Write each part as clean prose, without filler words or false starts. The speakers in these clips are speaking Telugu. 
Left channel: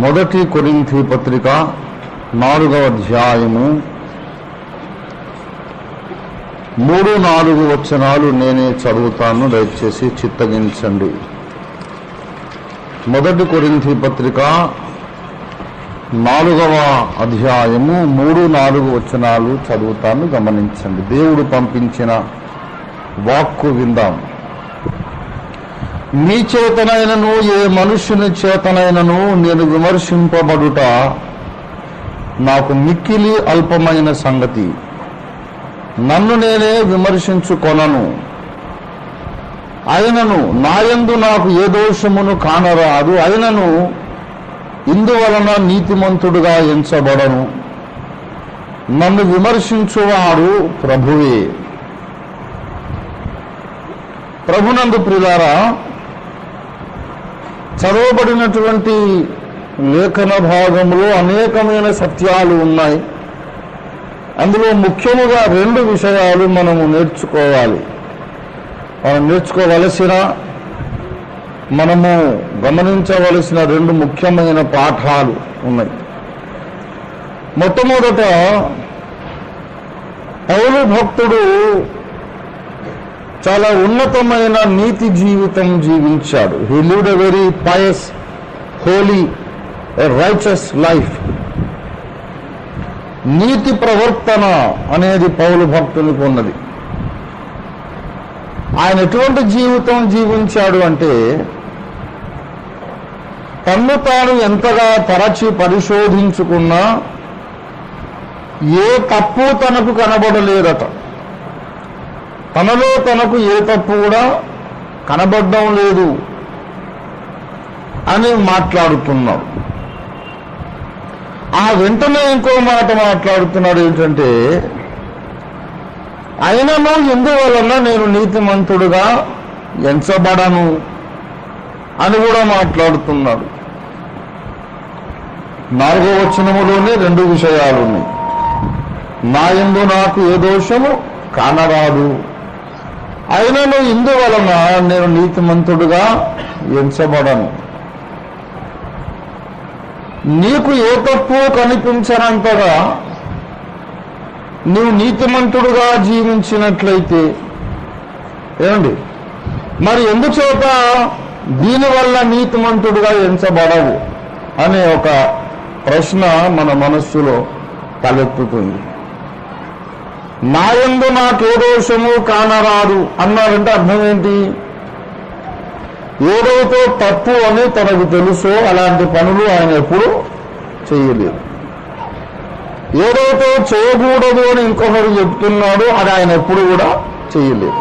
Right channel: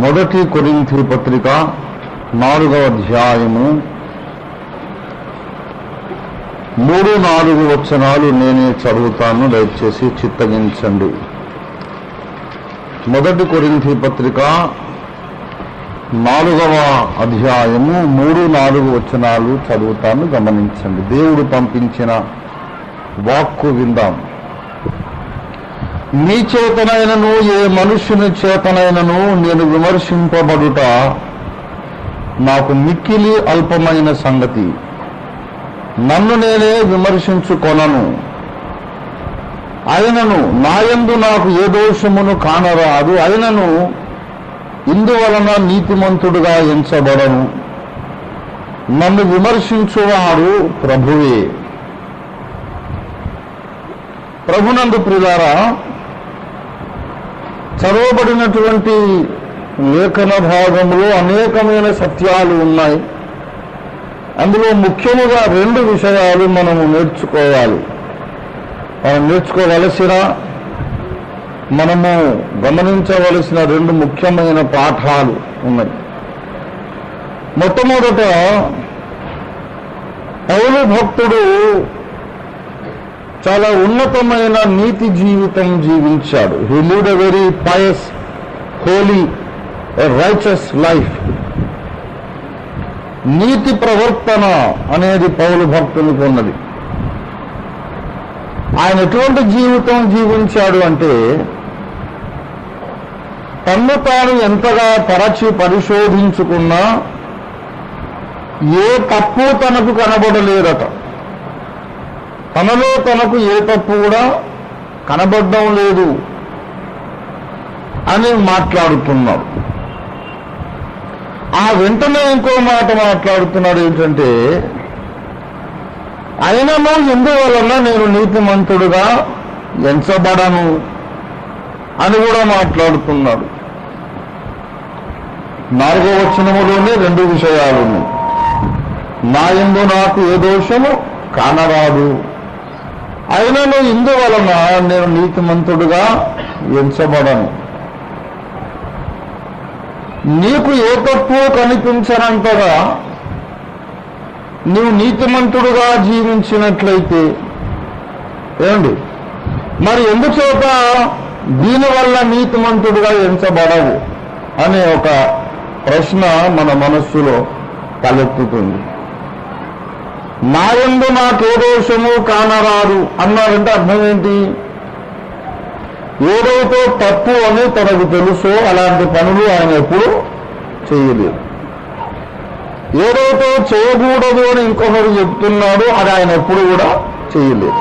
మొదటి కొరింథీ పత్రిక 4వ అధ్యాయము 3-4 వచనాలు నేనే చదువుతాను, దయచేసి చిత్తగించండి. మొదటి కొరింథీ పత్రిక 4వ అధ్యాయము 3-4 వచనాలు చదువుతాను, గమనించండి. దేవుడు పంపించిన వాక్కు విందాం. నీ చేతనైనను ఏ మనుష్యుని చేతనైనను నేను విమర్శింపబడుట నాకు మిక్కిలి అల్పమైన సంగతి. నన్ను నేనే విమర్శించుకొనను. అయినను నాయందు నాకు ఏ దోషమును కానరాదు. అయినను ఇందువలన నీతిమంతుడుగా ఎంచబడను. నన్ను విమర్శించువాడు ప్రభువే. ప్రభునందు ప్రియులారా, చదవబడినటువంటి లేఖన భాగంలో అనేకమైన సత్యాలు ఉన్నాయి. అందులో ముఖ్యముగా 2 విషయాలు మనము నేర్చుకోవాలి. మనము గమనించవలసిన 2 ముఖ్యమైన పాఠాలు ఉన్నాయి. మొట్టమొదట, పౌలు భక్తుడు చాలా ఉన్నతమైన నీతి జీవితం జీవించాడు. He lead a very pious, holy, righteous life. నీతి ప్రవర్తన అనేది పౌలు భక్తునికి ఉన్నది. ఆయన ఎటువంటి జీవితం జీవించాడు అంటే, తన్ను తాను ఎంతగా తరచి పరిశోధించుకున్నా ఏ తప్పు తనకు కనబడలేదట. తనలో తనకు ఏ తప్పు కూడా కనబడడం లేదు అని మాట్లాడుతున్నాడు. ఆ వెంటనే ఇంకో మాట మాట్లాడుతున్నాడు. ఏంటంటే, అయినను ఎందువలన నేను నీతిమంతుడుగా ఎంచబడను అని కూడా మాట్లాడుతున్నాడు. 4వ వచనములోనే 2 విషయాలు ఉన్నాయి. నా యందు నాకు ఏ దోషము కానరాదు. అయినను ఇందువలన నేను నీతిమంతుడుగా ఎంచబడను. నీకు ఏ తప్పు కనిపించనంతగా నీవు నీతిమంతుడుగా జీవించినట్లయితే ఏమండి, మరి ఎందుచేత దీనివల్ల నీతిమంతుడుగా ఎంచబడవు అనే ఒక ప్రశ్న మన మనస్సులో తలెత్తుతుంది. నా యందు నాకే దోషము కానరాదు అన్నాడంటే అర్థం ఏంటి? ఏదైతే తప్పు అని తనకు తెలుసో అలాంటి పనులు ఆయన ఎప్పుడు చేయలేదు. ఏదైతే చేయకూడదు అని ఇంకొకరు చెప్తున్నాడో అది ఆయన ఎప్పుడు కూడా చేయలేదు.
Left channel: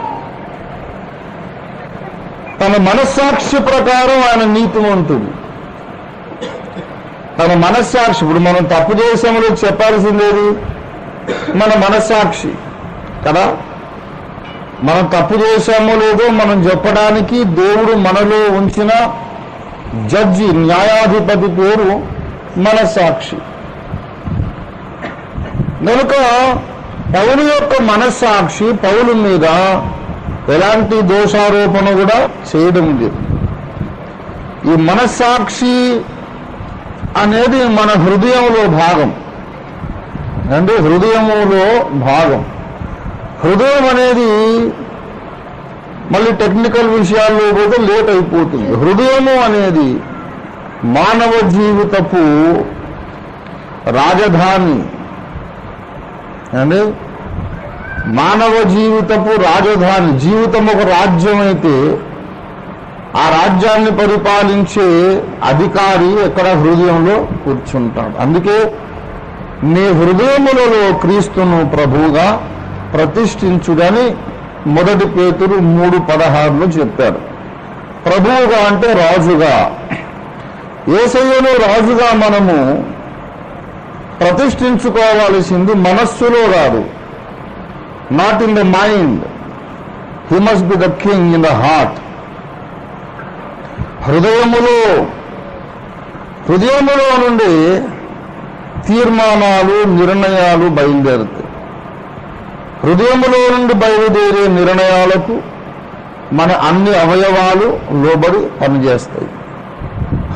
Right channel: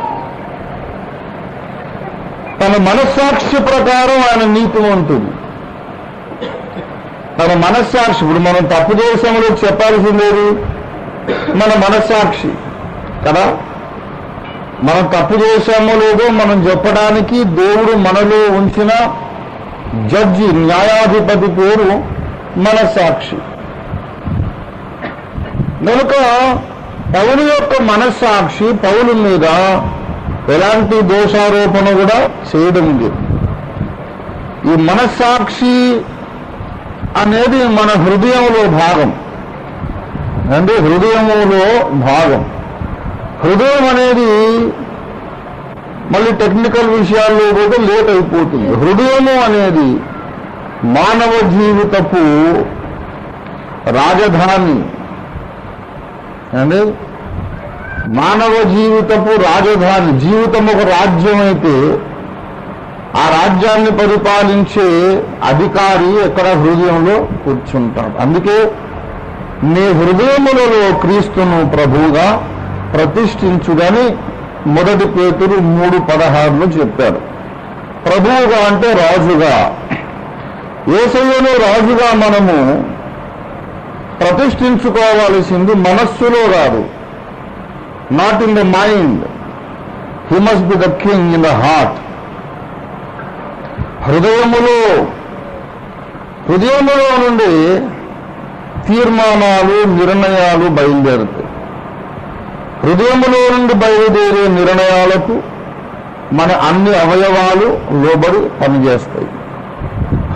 తన మనస్సాక్షి ప్రకారం ఆయన నీతిమంతుడు. తన మనస్సాక్షి, ఇప్పుడు మనం తప్పు చేసామని చెప్పాల్సిందేది మన మనస్సాక్షి కదా. మనం తప్పు చేశామో లేదో మనం చెప్పడానికి దేవుడు మనలో ఉంచిన జడ్జి, న్యాయాధిపతి పేరు మనస్సాక్షి. కనుక పౌలు యొక్క మనస్సాక్షి పౌలు మీద ఎలాంటి దోషారోపణ కూడా చేయడం లేదు. ఈ మనస్సాక్షి అనేది మన హృదయంలో భాగం. అంటే హృదయములో భాగం. హృదయం అనేది మళ్ళీ టెక్నికల్ విషయాల్లో పోతే లేట్ అయిపోతుంది. హృదయము అనేది మానవ జీవితపు రాజధాని. అంటే మానవ జీవితపు రాజధాని. జీవితం ఒక రాజ్యం అయితే ఆ రాజ్యాన్ని పరిపాలించే అధికారి ఎక్కడ హృదయంలో కూర్చుంటాడు. అందుకే నీ హృదయములలో క్రీస్తును ప్రభువుగా ప్రతిష్ఠించుదని 1 పేతురు 3:16 చెప్పారు. ప్రభువుగా అంటే రాజుగా. యేసయ్యను రాజుగా మనము ప్రతిష్ఠించుకోవాల్సింది మనస్సులో కాదు. Not in the mind. He must be the king in the heart. హృదయములో నుండి తీర్మానాలు, నిర్ణయాలు బయలుదేరుతాయి. హృదయములో నుండి బయలుదేరే నిర్ణయాలకు మన అన్ని అవయవాలు లోబడి పనిచేస్తాయి.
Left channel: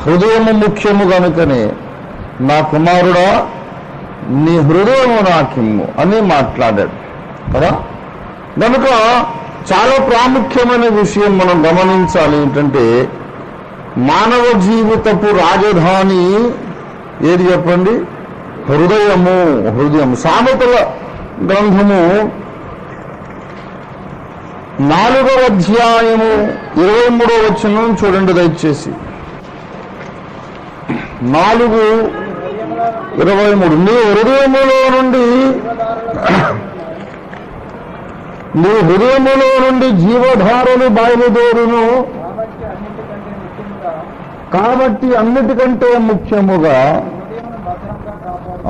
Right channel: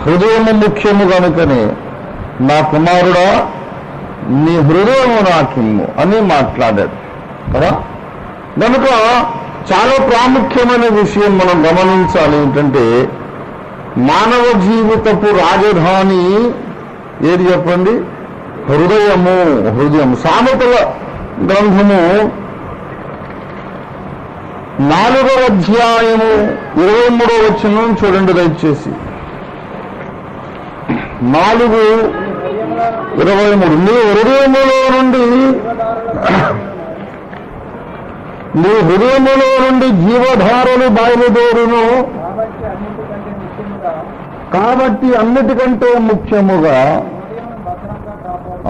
హృదయము ముఖ్యము కనుకనే నా కుమారుడా నీ హృదయము నాకిమ్ము అని మాట్లాడాడు కదా. కనుక చాలా ప్రాముఖ్యమైన విషయం మనం గమనించాలి ఏంటంటే, మానవ జీవితపు రాజధాని ఏది చెప్పండి? హృదయము. హృదయం. సామెతల గ్రంథము 4వ అధ్యాయము 23వ వచనం చూడండి దయచేసి. 4:23 నీ హృదయములో నుండి జీవధారలు బయలుదేరును కాబట్టి అన్నిటికంటే ముఖ్యముగా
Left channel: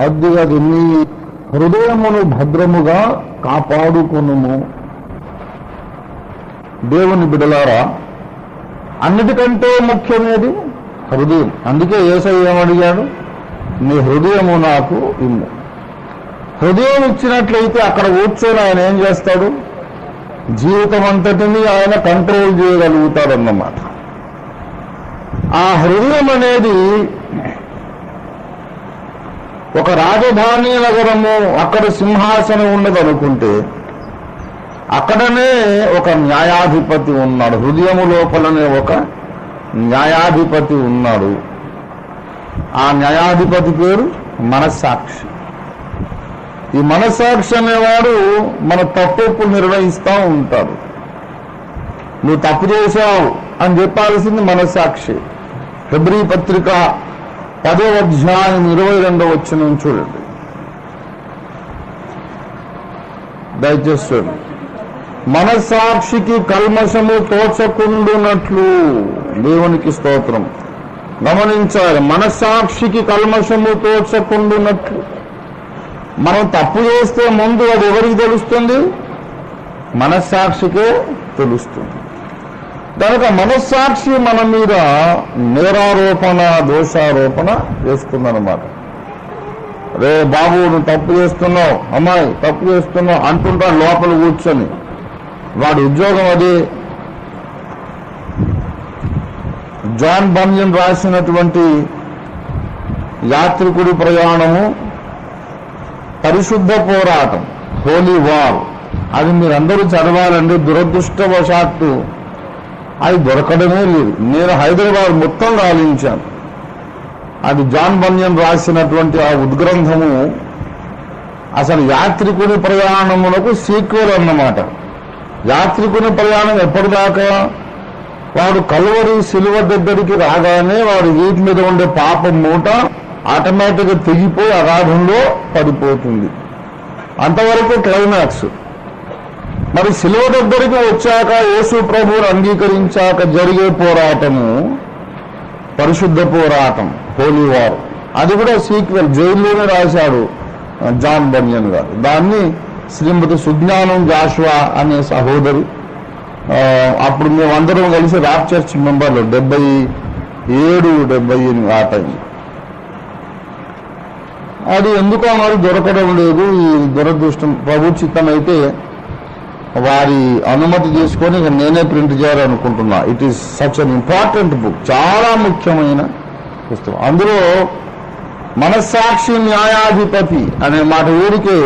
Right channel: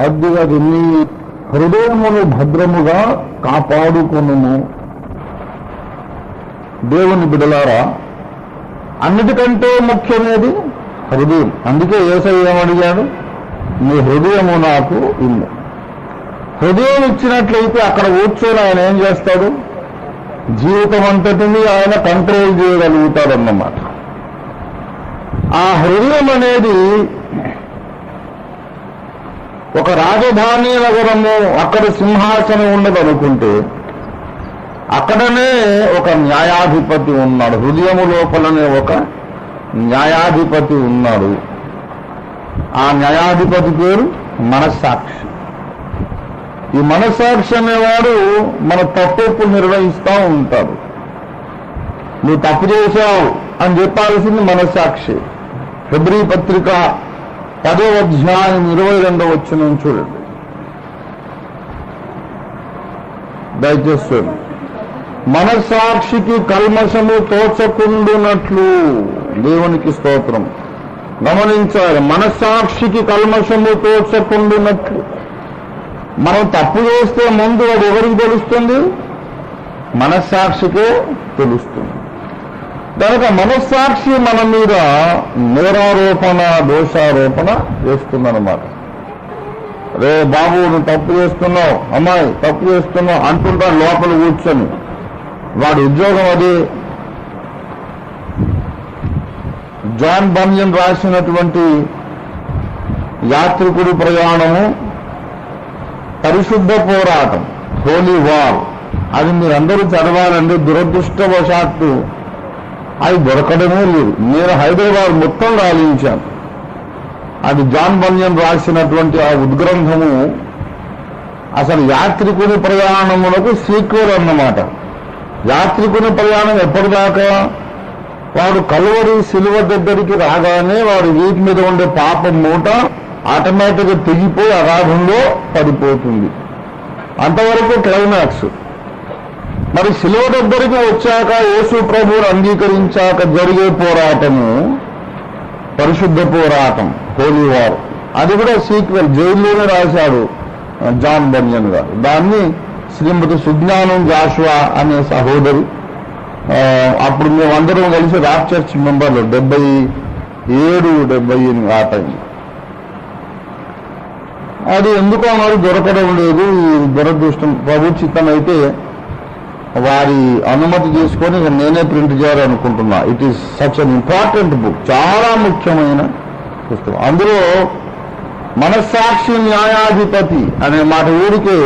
అది నీ హృదయమును భద్రముగా కాపాడుకొనుము. దేవుని బిడ్డలారా, అన్నిటికంటే ముఖ్యమైనది హృదయం. అందుకే యేసయ్య ఏమడిగాడు? నీ హృదయము నాకు ఇమ్ము. హృదయం ఇచ్చినట్లయితే అక్కడ కూర్చొని ఆయన ఏం చేస్తాడు? జీవితం అంతటిని ఆయన కంట్రోల్ చేయగలుగుతాడన్నమాట. ఆ హృదయం అనేది ఒక రాజధాని నగరము, అక్కడ సింహాసనం ఉన్నదనుకుంటే అక్కడనే ఒక న్యాయాధిపతి ఉన్నాడు. హృదయము లోపలనే ఒక న్యాయాధిపతి ఉన్నాడు. ఆ న్యాయాధిపతి పేరు మనస్సాక్షి. ఈ మనస్సాక్షి అనేవాడు మన తప్పులు నిర్వహిస్తూ ఉంటాడు. నువ్వు తప్పు చేశావు అని చెప్పాల్సింది మనస్సాక్షి. హెబ్రీ పత్రిక 10వ అధ్యాయం 22వ వచనం చూడండి దయచేసి. మనస్సాక్షికి కల్మషము తోచకుండునట్లు. దేవునికి స్తోత్రం. గమనించాలి, మనస్సాక్షికి కల్మషము తోచకుండునట్లు. మనం తప్పు చేస్తే ముందు అది ఎవరికి తెలుస్తుంది? మనస్సాక్షికే తెలుస్తుంది. కనుక మనస్సాక్షి మన మీద నేరారోపణ, దోషారోపణ చేస్తుందన్నమాట. రే బాబు నువ్వు తప్పు చేస్తున్నావు, అమ్మాయి తప్పు చేస్తున్నావు అంటుంటా లోపల కూర్చొని. వాడి ఉద్యోగం అది. జాన్ బన్యన్ రాసినటువంటి యాత్రికుడి ప్రయాణము, పరిశుద్ధ పోరాటం, హోలీ వార్, అది మీరందరూ చదవాలండి. దురదృష్టవశాత్తు అది దొరకడమే లేదు. నేను హైదరాబాద్ మొత్తం గాలించాను. అది జాన్ బన్యన్ రాసినటువంటి ఆ ఉద్గ్రంథము అసలు యాత్రికుని ప్రయాణములకు సీక్వెల్ అన్నమాట. యాత్రికుని ప్రయాణం ఎప్పటిదాకా? వాడు కల్వరి శిలువ దగ్గరికి రాగానే వాడు వీటి మీద ఉండే పాపం మూట ఆటోమేటిక్గా తెగిపోయి అగాధంలో పడిపోతుంది. అంతవరకు క్లైమాక్స్. మరి శిలువ దగ్గరికి వచ్చాక యేసు ప్రభువును అంగీకరించాక జరిగే పోరాటము పరిశుద్ధ పోరాటం, హోలీ వార్. అది కూడా సీక్వెల్ జైల్లోనే రాశాడు జాన్ బన్యన్ గారు. దాన్ని శ్రీమతి సుజ్ఞానం జాషువా అనే సహోదరి, అప్పుడు మేమందరం కలిసి రాప్ చర్చ్ మెంబర్లు 77, 78 ఆ టైం. అది ఎందుకో మరి దొరకడం లేదు. ఈ దురదృష్టం. ప్రభు చిత్తం అయితే వారి అనుమతి తీసుకొని నేనే ప్రింట్ చేయాలనుకుంటున్నా. It is such an important book. చాలా ముఖ్యమైన పుస్తకం. అందులో మనస్సాక్షి న్యాయాధిపతి అనే మాట ఊరికే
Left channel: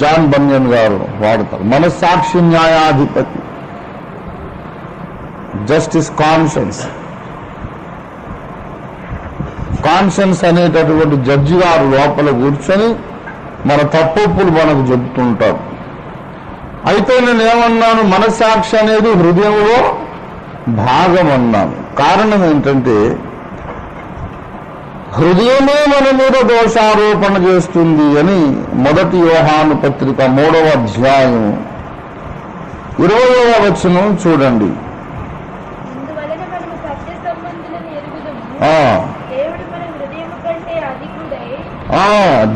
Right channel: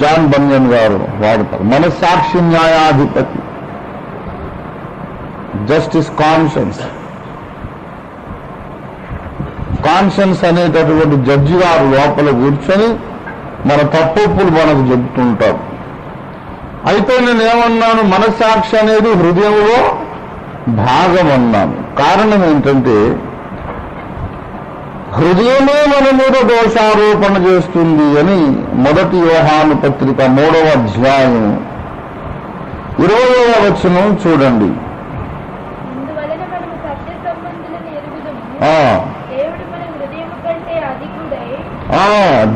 జాన్ బన్యన్ గారు వాడతారు. మనస్సాక్షి న్యాయాధిపతి, జస్టిస్ కాన్షియన్స్. కాన్షియన్స్ అనేటటువంటి జడ్జి గారు లోపల కూర్చొని మన తప్పులు మనకు చెబుతుంటారు. అయితే నేనేమన్నాను? మనస్సాక్షి అనేది హృదయంలో భాగం అన్నాను. కారణం ఏంటంటే హృదయమే మన మీద దోషారోపణ చేస్తుంది అని 1 యోహాను పత్రిక 3వ అధ్యాయం 20వ వచనం చూడండి.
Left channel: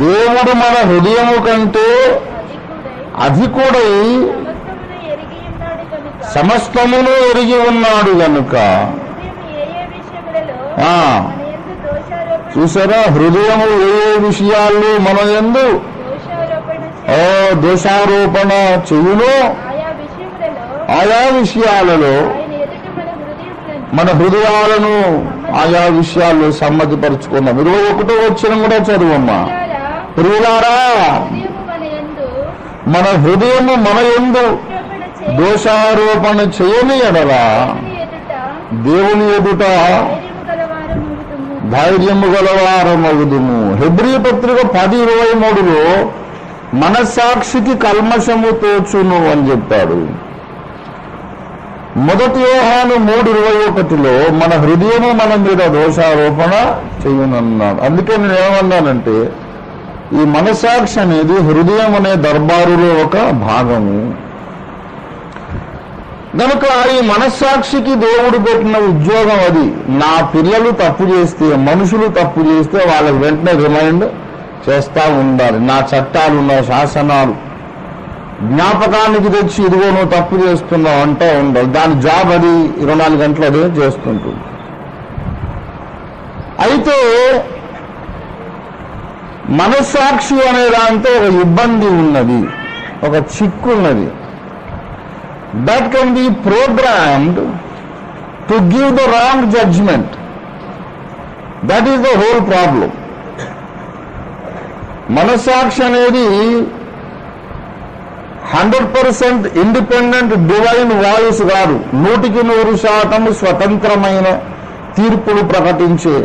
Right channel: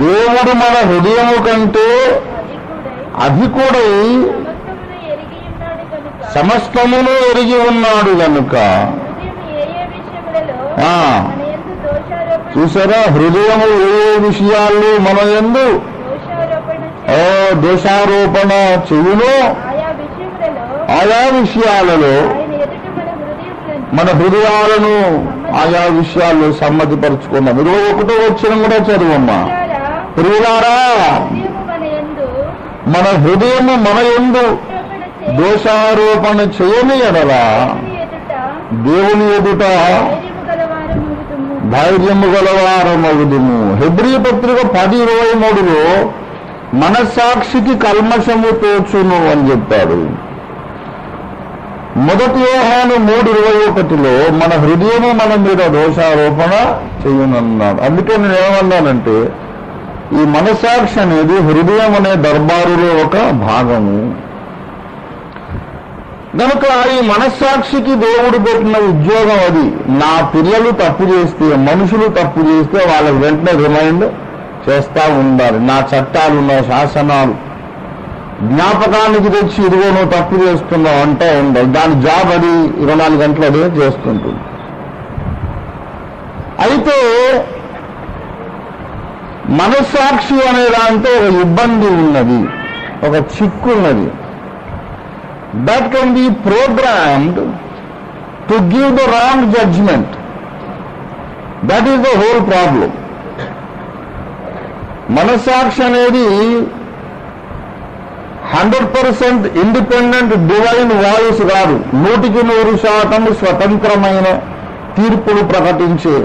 దేవుడు మన హృదయము కంటే అధికుడై సమస్తమును ఎరిగి ఉన్నాడు కనుక. చూసారా, హృదయము ఏ విషయాల్లో మన యందు దోషారోపణ చెయ్యును ఆయా విషయాలలో మన హృదయాలను ఆయా విషయాల్లో సమ్మతిపరుచుకుందాం. 21వ వచనం కూడా చదువమ్మా. ప్రియులారా, మన హృదయము మన యందు దోషారోపణ చేయని ఎడల దేవుని ఎదుట ధైర్యము గలవారమగుదుము. హెబ్రీ పత్రిక 10:23లో మనస్సాక్షికి కల్మషము తోచును అని చెప్పాడు. మొదటి యోహాను 3:21లో మన హృదయము మన మీద దోషారోపణ చేయనన్నాడు. అందుకే నేను ఏమన్నానంటే ఈ మనస్సాక్షి అనేది హృదయం అనే దర్బారులో ఒక భాగము. కనుక ఈ మనస్సాక్షికి దేవుడు పెట్టిన ఉద్యోగం అది. నా పిల్లలు తప్పు చేస్తే, మనుషులు తప్పు చేస్తే వాళ్ళకి వెంటనే రిమైండ్ చేస్తా ఉండాలి. నా చట్టాలు, నా శాసనాలు జ్ఞాపకానికి తెచ్చి ఇదిగో నువ్వు తప్పు చేస్తున్నావు అంటూ ఉండాలి. దాని జాబ్ అది 24 గంటలు అదే చేస్తుంటుంది. అయితే మనస్సాక్షి అనే దాంతో ఒక ఇబ్బంది ఉన్నది, ఒక చిక్కు ఉన్నది. That can be programmed to give the wrong judgment. That is the whole problem. మనస్సాక్షి అనేది 100% ఇండిపెండెంట్ డివైన్ వాయిస్ కాదు. 100% స్వతంత్రమైన తీర్పులు ప్రకటించే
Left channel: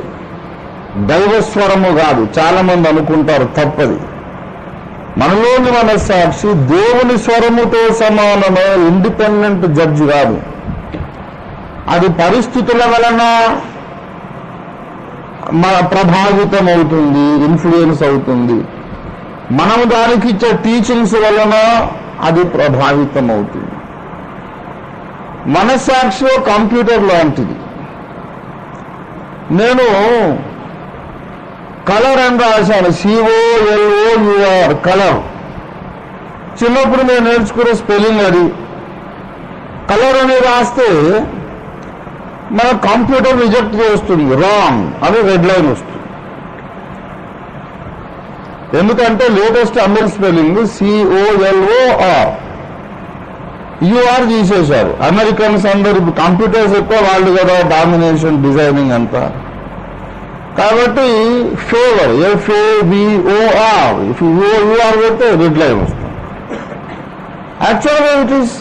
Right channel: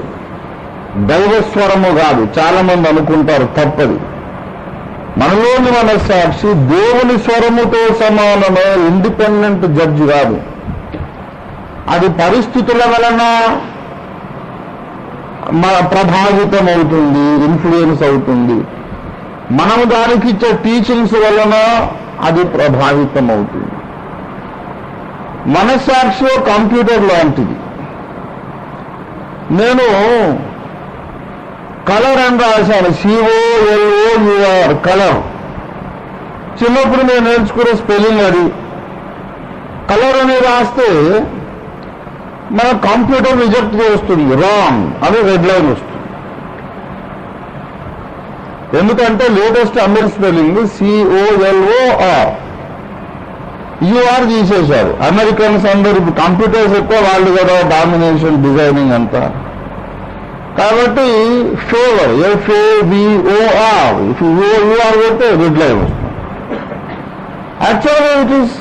దైవస్వరము కాదు. చాలా మంది అనుకుంటారు, తప్పది. మనలోని మనస్సాక్షి దేవుని స్వరముతో సమానమే, ఇండిపెండెంట్ జడ్జి కాదు. అది పరిస్థితుల వలన ప్రభావితం అవుతుంది, ఇన్ఫ్లుయెన్స్ అవుతుంది. మనము దానికి ఇచ్చే టీచింగ్స్ వలన అది ప్రభావితం అవుతుంది. మనస్సాక్షి కంప్యూటర్ లాంటిది. నేను కలర్ అని రాశాను, COLOUR కలర్. చిన్నప్పుడు నేను నేర్చుకునే స్పెల్లింగ్ అది. కలర్ అని రాస్తే మన కంప్యూటర్ రిజెక్ట్ చేస్తుంది, రాంగ్ అని రెడ్ లైన్ వస్తుంది. ఎందుకంటే latest American spelling COLOR, UR తీసేశారు. అమెరికన్స్ అందరు కంప్యూటర్స్ ఎక్కువ వాళ్ళు కదా, డామినేషన్ డిజైనింగ్ అంతా. కాబట్టి ఫేవర్ FAVOR, UR పెడితే రెడ్ లైన్ వస్తుంది. యాక్చువల్గా it is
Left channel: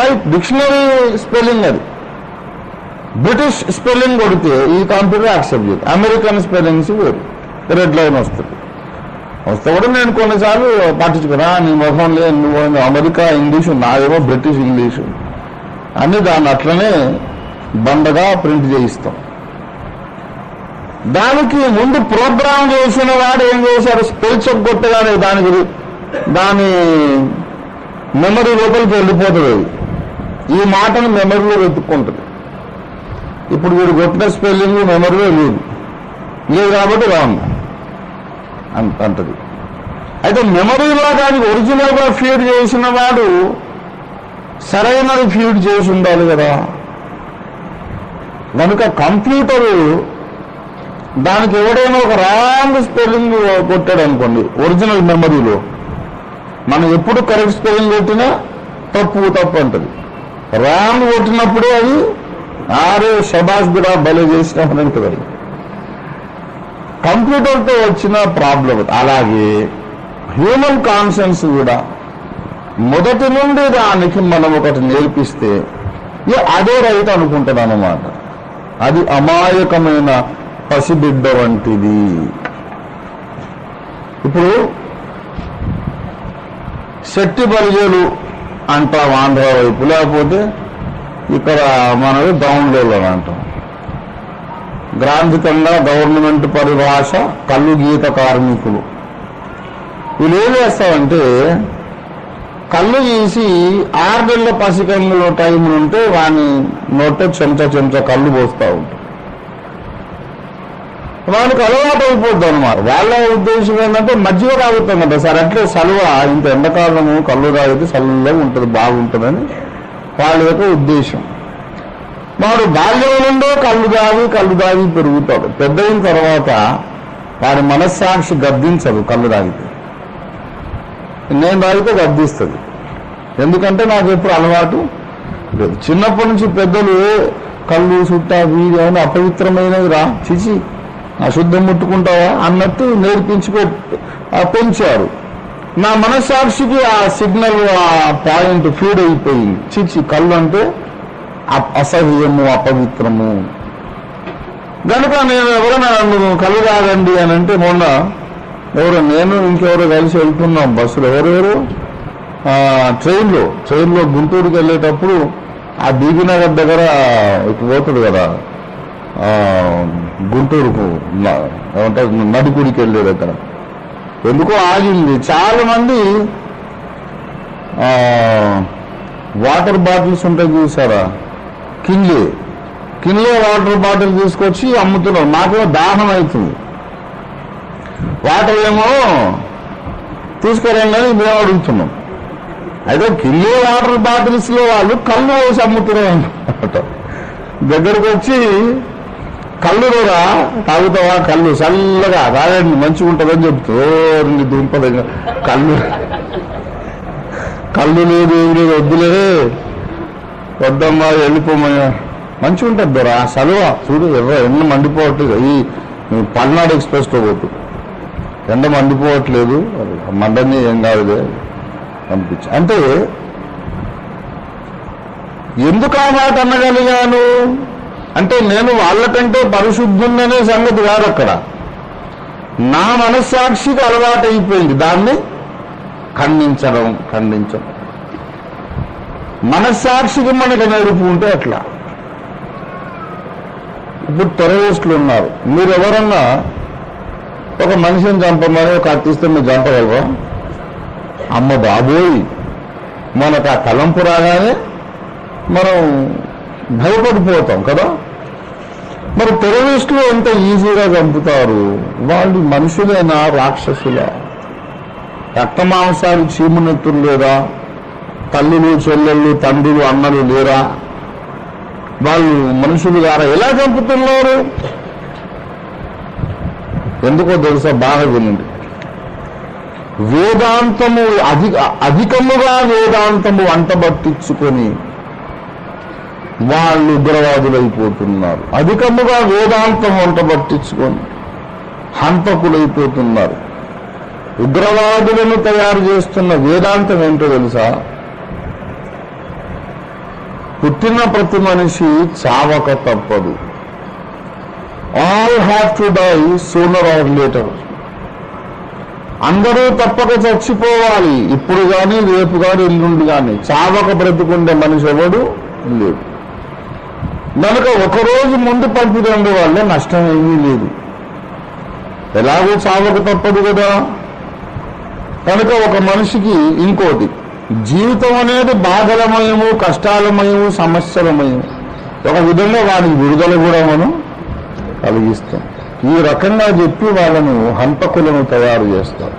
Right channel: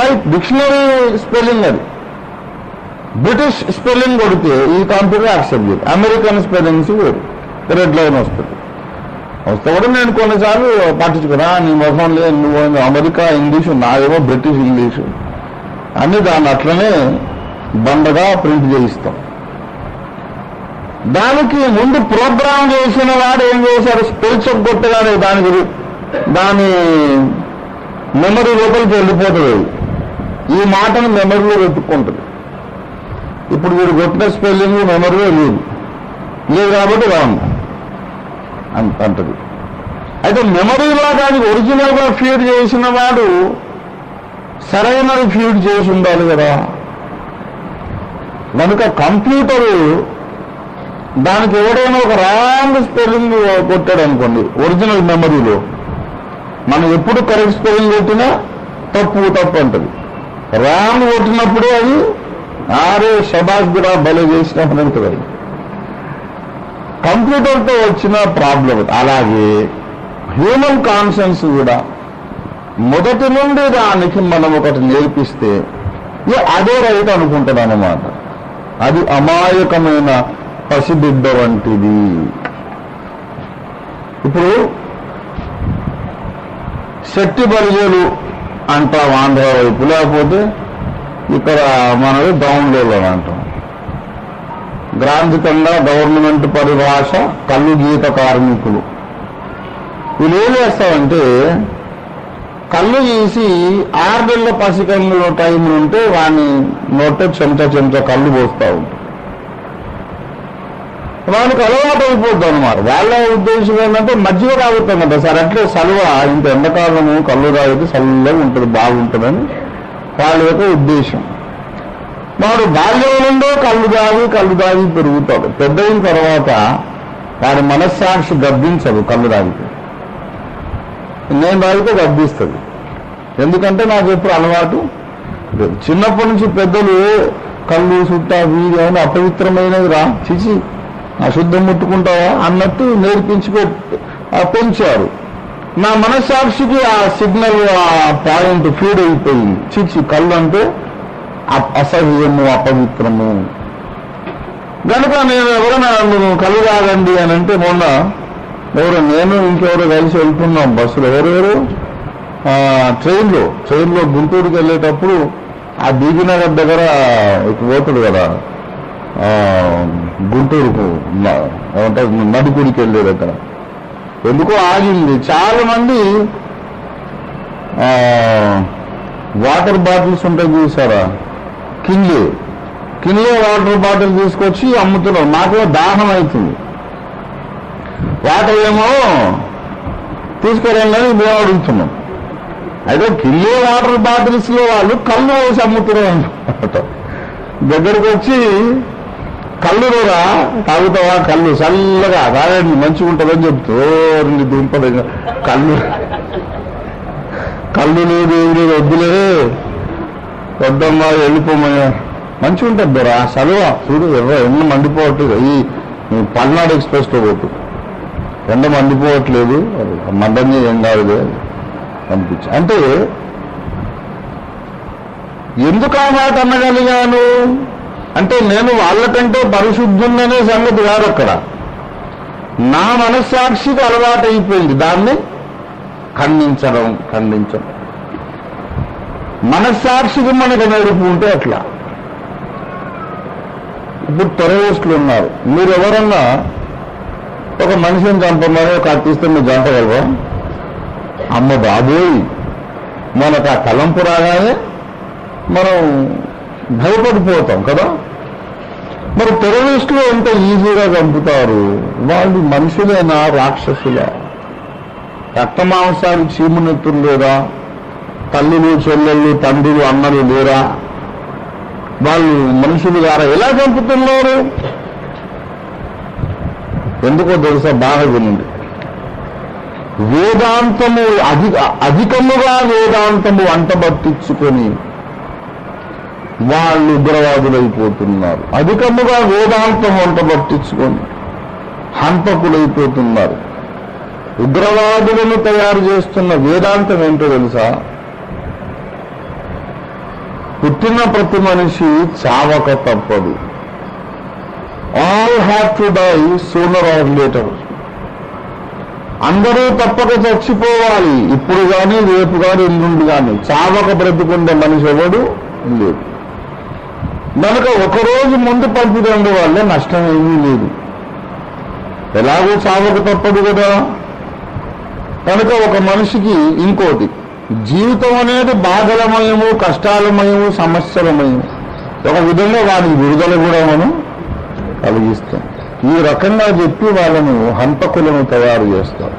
right, dictionary spelling అది. బ్రిటిష్ స్పెల్లింగ్ కొడితే ఈ కంప్యూటర్ యాక్సెప్ట్ చేయదు. అమెరికన్ స్పెల్లింగ్స్ వేరు, రెడ్ లైన్ వస్తుంది. వస్తే కూడా నేను కొన్నిసార్లు పట్టించుకున్నా, నీ ముఖం లేదు, నువ్వు అమెరికా ఇంగ్లీషు, నాదేమో బ్రిటిష్ ఇంగ్లీషు అని దాన్ని అట్లనే బండగా ప్రింట్ చేయిస్తాం. దానికి ముందు ప్రోగ్రామ్ చేసిన వాడు ఏం చేశారు, స్పెల్ చెక్ కొట్టగానే దాని మెమరీ లోపలికి వెళ్ళిపోతుంది. ఈ మాటను మెమరీలో వెతుక్కుంటుంది. ఇప్పుడు వీడు కొట్టిన స్పెల్లింగ్ మెమరీలో లేదు కాబట్టి రాంగ్ అంటది. అయితే మెమరీలో దానికి ఒరిజినల్ గా ఫీడ్ చేసిన వాడు సరైనది ఫీడ్ చేసి ఉండాలి కదా. కనుక కంప్యూటరు దానికి ఎవడైనా ఒక రాంగ్ స్పెల్లింగ్ కొట్టాడు అనుకోండి ఒరిజినల్ మెమరీలో, మనం ఎప్పుడు కరెక్ట్ స్పెల్లింగ్ కొట్టినా తప్పు అంటది. రాంగ్ కొట్టినప్పుడే అది ఆరే శబాష్ కూడా బలి చేసినప్పుడు అంటది. కంప్యూటర్తో వచ్చిన ప్రాబ్లం. అలాగే హ్యూమన్ కాన్షియన్స్ కూడా మొదటి నుండి దానికి మనం ఒకటి నేర్పిస్తే అదే రైట్ అనుకుంటుంది అన్నమాట. అది అమాయకమైన పసిబిడ్డ వంటిది. ఇప్పుడు శక్తి బలిజలు అంటాం ఆంధ్ర వైపు, లేకపోతే ఇక్కడ మనది డౌన్లోడ్ అని అంటాం. గ్రాంధికంగా గవర్నమెంట్ పరిభాష కళ్ళు గీత కార్మికులు. వీళ్ళు ఏం చేస్తారంటే కళ్ళు తీసి 6 నెలల పసికంలో టైం ఉంటే వాడిని నోట చెంచా కళ్ళు పోస్తూ ఉంటారు. వానికి అలవాటు అయిపోద్ది అనమాట. వాళ్ళ ఉద్దేశం ఏంటంటే మజ్జిగ తాగుతాం కదా సార్, అట్లే సలువ ఇంత ఎండాకాలము కళ్ళు తాగితే చల్లగా ఉంటుంది, బాగుంటుందని వాళ్ళ యొక్క ఉద్దేశం. వాడు బాల్యం నుండే కళ్ళు దాగి పెరుగుతాడు. పెద్దయిన తర్వాత వాడి మనస్సాక్షి గద్దించదు. కళ్ళు తాగితే నేను తాగితే గద్దిస్తుంది. ఎందుకంటే నాకు ఎప్పుడు అలవాటు లేదు. చిన్నప్పటి నుంచి పెద్దలు కళ్ళు సుట్ట వీడి అని అపవిత్రమైనది రా, చిచి అశుద్ధం ముట్టుకుంటావా అన్నట్టు పెంచారు. నా మనస్సాక్షికి ఆ సిగ్నల్, ఆ పాయింట్ ఫీడ్ అయిపోయింది. చిచి కళ్ళు అంటే అసహ్యము, అపవిత్రము. కనుక నేను ఎవరైనా కళ్ళు తాగండి అని అంటే, మొన్న నేను ఇంకెవరో కలిసి వెళ్తున్నాం బస్సులో, ఎవరెవరు ట్రైన్లో గుంటూరుకి వెళ్ళేటప్పుడు ఆ బీబీనగర్ దగ్గర పోతాడు కదా, గుంటూరుకు ఏమంటారు నడిపూడికి వెళ్ళేది. అక్కడ ఎందుకో ఆగింది. చాలా మంది వాటర్ బాటిల్స్ ఉంటాయి చూసారా, కిన్లే వాటర్ బాటిల్ తీసుకొచ్చి అమ్ముతున్నారు. నాకే దాహం అవుతుంది, వాటర్ ఏమో తీసుకురండి మేము అడుగుతున్నాం. అయితే కిన్లే వాటర్ బాటిల్స్ లో వాళ్ళు కళ్ళు వేసి అమ్ముతున్నారు. దగ్గరికి వచ్చి కళ్ళు కూడా తాగుతావా, కళ్ళు చల్లగా తాగండి మంచిగా ఉంటుందని చెప్తూ దుంపదు. కళ్ళు లేదు ఏమి లేదు, వద్దులే వద్దమ్మా వెళ్ళిపోమయ్యా, మంచిగా ఉంటుంది బరా సలువ చూడు. ఎండ మండిపోవట్లేదు, ఈ పల్నాడు ఎక్స్ప్రెస్లో పోతు ఎండ మండిపోవట్లేదు, మండని ఏం కాదు అనిపించి. అంటే ఎందుకు ఆ మాట అనగలిగాను అంటే, నేను వాళ్ళకంటే పరిశుద్ధుందనే సంగతి కాదు అక్కడ, నా మనస్సాక్షికి అలవాటు అయిపోయింది దాన్ని ఖండించడం. మనస్సాక్షికి మనకు నడుపు ఉంటే అట్లా. ఇప్పుడు టెర్రరిస్టులు ఉన్నారు, మీరు ఎవరన్నా ఒక మనిషిని చంపమని ఒక అత్తిస్తే మీరు చంపగలరా? అమ్మ బాబోయ్, మనకు ఆ తలంపు రాగానే మనం భయపడిపోతాం కదా. మరి టెర్రరిస్టులు ఎంత ఈజీగా చంపుతారు? వాళ్ళు మనుషులేనా, రాక్షసులా? రక్త మాంసాలు చీమునెత్తులు లేదా? తల్లులు చెల్లెళ్ళు తండ్రులు అన్నలు లేరా? వాళ్ళు మనుషులు గారా? ఎలా చంపుతున్నారు? ఎందుకో తెలుసా? బాగా వినండి. వేదాంతము అధికముగా వేదాంతము అంటబట్టించుకొని వాళ్ళు ఉగ్రవాదులైపోతున్నారు. అధికముగా వేదాంతం అంటబట్టించుకొని హంతకులైపోతున్నారు. ఉగ్రవాదులను తయారు చేస్తున్న వేదాంతం ఏంటో తెలుసా? పుట్టిన ప్రతి మనిషి చావక తప్పదు. All have to die sooner or later. అందరూ తప్పక చచ్చిపోవాలి, ఇప్పుడు కానీ రేపు కానీ ఎల్లుండి కానీ. చావక బ్రతుకుండే మనిషి ఎవడు లేదు. కనుక ఒకరోజు ముందు పంపిరండి వల్ల నష్టం ఏమీ లేదు, ఎలాగో చావక తప్పదు కదా. కనుక ఒక మనిషికి ఇంకోటి, జీవితం అనేది బాధలమయము, కష్టాలమయము, సమస్యలమయము. ఒక విధంగా వారికి విడుదల కూడా మనం కలిగిస్తాం. ఈ రకంగా చెప్పి వాళ్ళను హంతకులను తయారు చేస్తాం.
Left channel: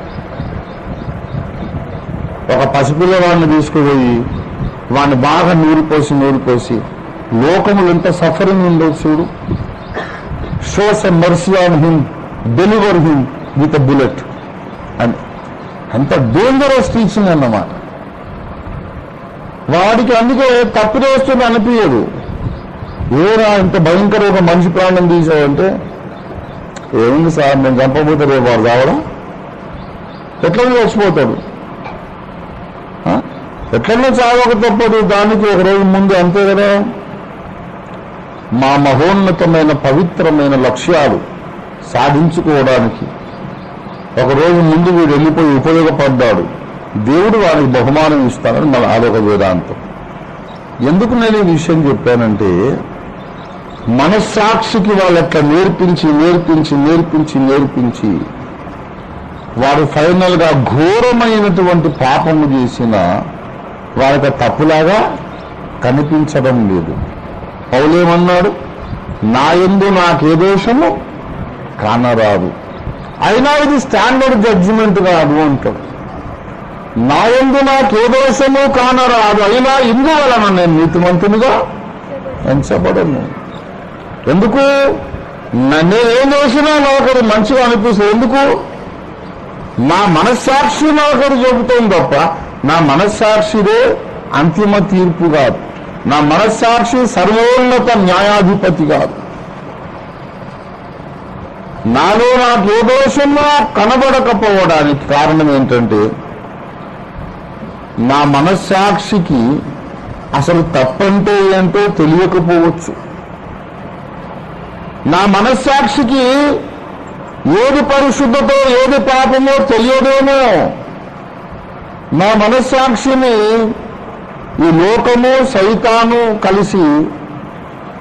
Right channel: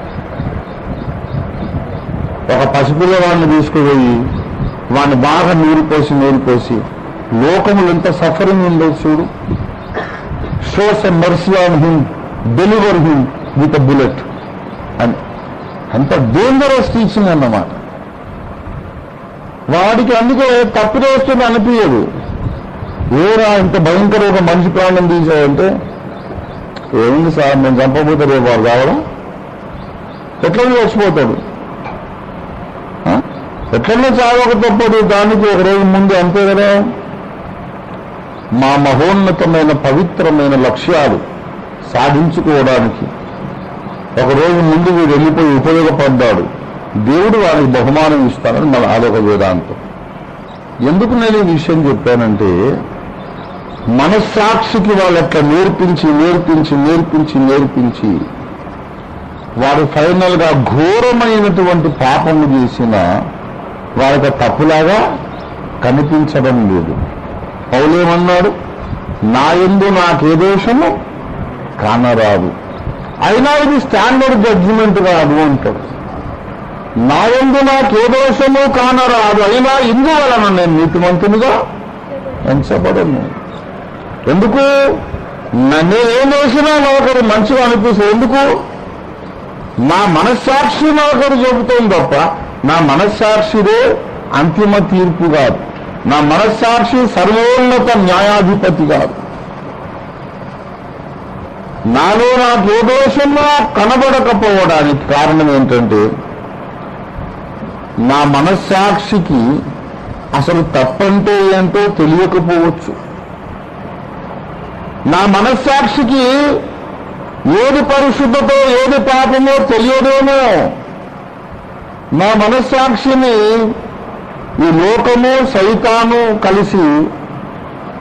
ఒక పసిపిల్లవాడిని తీసుకుపోయి వాడిని బాగా నూరిపోసి లోకములు ఎంత సఫరింగ్ ఉందో చూడు. Shows a mercy on him, deliver him with a bullet అని. అంత డేంజరస్ టీచింగ్ అన్నమాట. వాడికి అందుకే తప్పిదేస్తుంది అనిపించదు. ఏరా ఇంత భయంకర ఒక మనిషి ప్రాణం తీసావంటే, ఏముంది సార్ నేను చంపబోతే రేపు వాడు కావడం ఎట్లనే వచ్చిపోతాడు. ఎట్లనే చావక తప్పదు, దానికి ఒక రోజు ముందు అంతే కదా. మా మహోన్నతమైన పవిత్రమైన లక్ష్యాలు సాధించుకోవడానికి ఒకరోజు ముందు వీడు వెళ్ళిపోయి ఉపయోగపడ్డాడు, దేవుడు వారికి బహుమానం ఇస్తానని మన ఆలోక వేదాంతం. ఎందుకు నేను ఈ విషయం చెప్పానంటే, మనస్సాక్షికి వాళ్ళట్లా నేర్పించి వారు ఫైనల్ గా ఘోరమైనటువంటి పాపము చేసిన వారికి తప్పులాగా కనిపించడం లేదు. పౌలేమన్నాడు? నా యందు నాకే దోషము కానరాదు. అయినా ఇది స్టాండర్డ్ జడ్జిమెంట్ కాదు అంటాడు. నా యందు నాకే దోషము కానరాదు, అయినా ఇందువలన నేను నీతిమంతునిగా ఎంచబడను. ఎందుకు? నేనేం చేసినా నాకొకరు మంచిగా అనిపిస్తుంది. ఎందుకు? నా మనస్సాక్షి నాకొకరు చెబుతుంది తప్ప నా మనస్సాక్షిదే అంతిమ తీర్పు కాదు. నా మనస్సాక్షి సర్వోన్నత న్యాయాధిపతి కాదు. నాలో నాకు ఏ దోషంగా కనబడకపోవడానికి కారణం ఏంటంటే నా మనస్సాక్షికి అసలు తప్పంటే ఏంటో తెలియకపోవచ్చు. నా మనస్సాక్షికి ఏది పరిశుద్ధతో ఏది పాపమో తెలియదేమో. నా మనస్సాక్షిని ఈ లోకము సైతాను కలిసి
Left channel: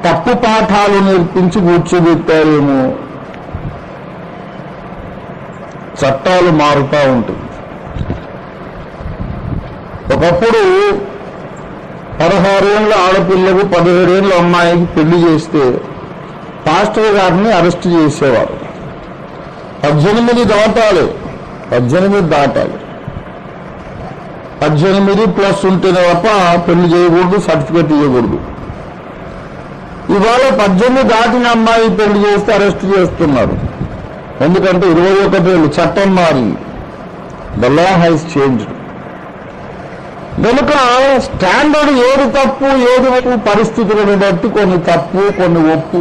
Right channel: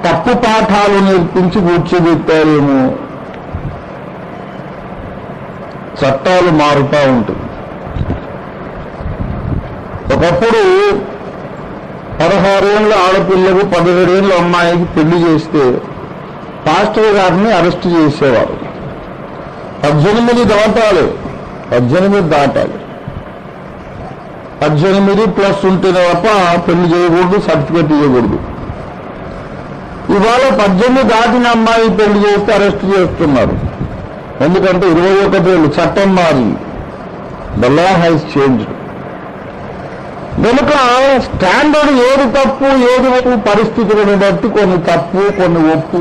తప్పు పాఠాలు నేర్పించి కూర్చోబెట్టారేమో. చట్టాలు మారుతూ ఉంటుంది. ఒకప్పుడు 16 ఏళ్ళ ఆడపిల్లకు 17 ఏళ్ళ అమ్మాయికి పెళ్లి చేస్తే పాస్టర్ గారిని అరెస్ట్ చేసేవారు. 18 దాటాలి. 18 ప్లస్ ఉంటేనే తప్ప పెళ్లి చేయకూడదు, సర్టిఫికేట్ ఇవ్వకూడదు. ఇవాళ 18 దాటిన అమ్మాయి పెళ్లి చేస్తే అరెస్ట్ చేస్తున్నారు. ఎందుకంటే 21 ఏళ్ళు చట్టం మారింది. The law has changed. కనుక స్టాండర్డ్ ఏది తప్పు ఏది ఒప్పు పరిస్థితులను బట్టి కొన్ని తప్పు కొన్ని ఒప్పు,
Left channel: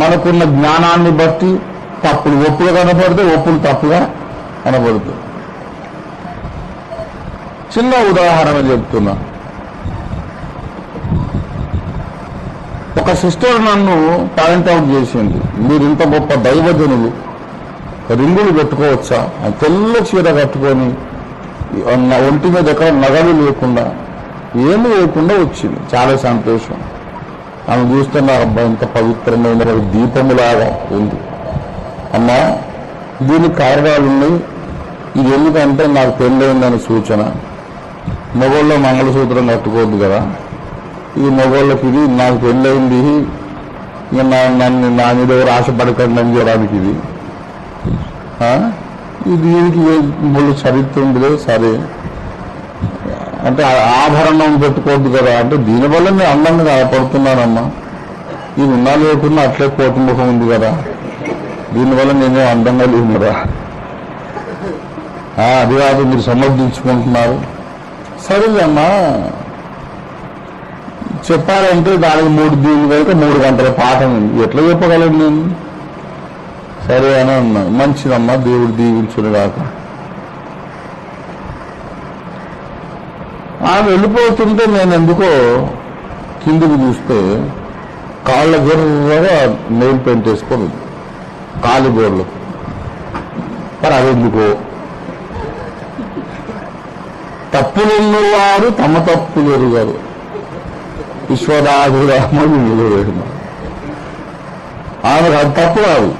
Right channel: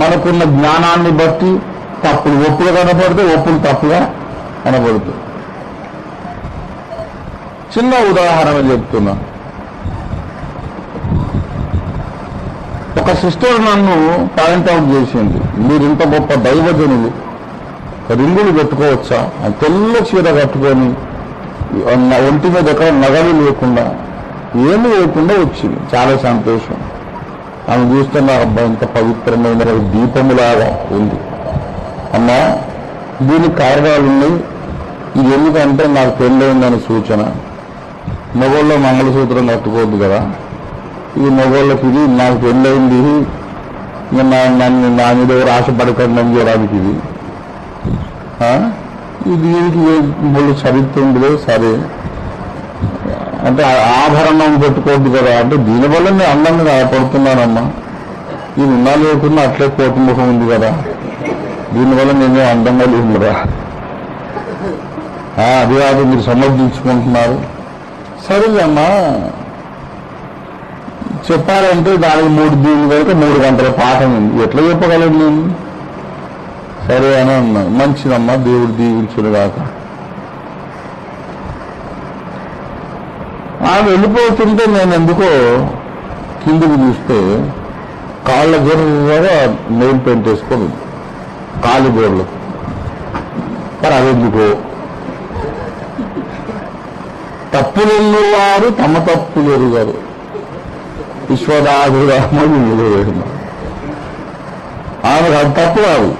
మనకున్న జ్ఞానాన్ని బట్టి తప్పులు ఒప్పుగా కనపడితే ఒప్పులు తప్పుగా కనపడుతుంది. చిన్న ఉదాహరణ చెప్తున్నా. ఒక సిస్టర్ నన్ను పాయింట్అవుట్ చేసింది, మీరు ఇంత గొప్ప దైవజనులు రింగులు పెట్టుకోవచ్చా? తెల్ల చీర కట్టుకొని ఒంటి మీద ఎక్కడ నగలు లేకుండా ఏమి లేకుండా వచ్చింది. చాలా సంతోషం. ఆమె చూస్తే నా అబ్బాయి ఇంత పవిత్రమైన దీపములాగా ఉంది. అమ్మా, దీనికి కారణాలు ఉన్నాయి. ఇది ఎందుకంటే నాకు పెళ్ళయిందని సూచన. మగోళ్ళ మంగళసూత్రం కట్టుకోవద్దు కదా, ఇది మగోళ్ళకి, ఇది నాకు పెళ్ళయింది, నన్ను నా మీద ఎవరు ఆశపడకుండా చేయడానికి ఇది దీనికి వాళ్ళు చదువుతుండే. సరే అంటే ఆభరణం పెట్టుకోవద్దు కదా అంటే దీనివల్ల నేను అందంగా కనపడుతున్నానమ్మా. ఇది ఉన్నా లేకుండా అట్లే కోటిముఖం ఉంది కదా, దీనివల్ల నేనే అందంగా లేదురా. అది కాదు మీరు సమర్థించుకుంటున్నారు. సరే అమ్మా, చెప్పాలంటే దానికి దీని వరకు 3 గంటల పాఠం ఉంది, ఎట్లా చెప్పగలను నేను? సరే అని అన్నా. మంచిదమ్మా, దేవుడు దీవించును కాక. ఆమె వెళ్ళిపోతుంటే నేను ఎందుకో కిందికి చూస్తే కాళ్ళ గొర్రగా నెయిల్ పెయింట్ వేసుకొని కాలు గోర్లు. మరి అదెందుకో? తప్పులున్నవారు తమ తప్పులు ఎరుగారు, విశ్వదాభిరాముడు నిలవేసిన. ఆమెకు అది తప్పు కాదు,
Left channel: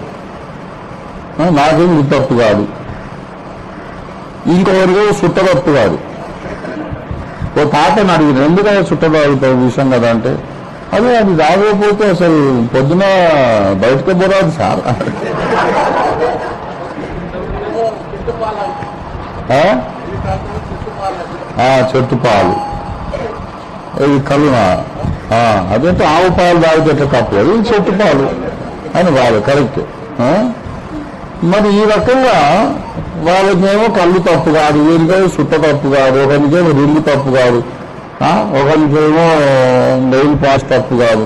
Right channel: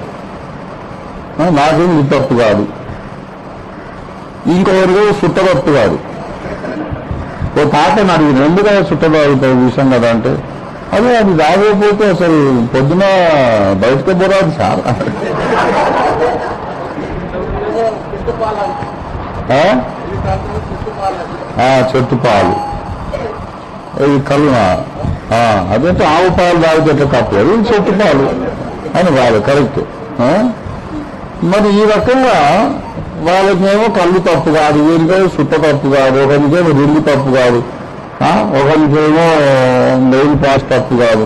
నాకేం ఇది తప్పు కాదు, ఇంకొకరిగా చుట్టతప్పు కాదు. ఓ తాతని అడిగింది, ఎందుకంటే చుట్టబాగుతాయి విషయం కదా అంటే, అది తాగకపోతే అసలు పొద్దున బయటకు పోరాదు సార్. చెట్టు పాలు, ఇది కలిమ, అదైతే ఆవు పాలు తాగితే ఎట్లా తప్పు, అది చెట్టు పాలు అని కాదు, కరెక్ట్. మరి ఈ రకంగా వాళ్ళకేమో కళ్ళు తప్పు కాదు, వీరికేమో చుట్ట తప్పు కాదు, ఒకరికేమో రింగు తప్పు కాదు, ఒకరికేమో నెయిల్ పాస్ తప్పు కాదు.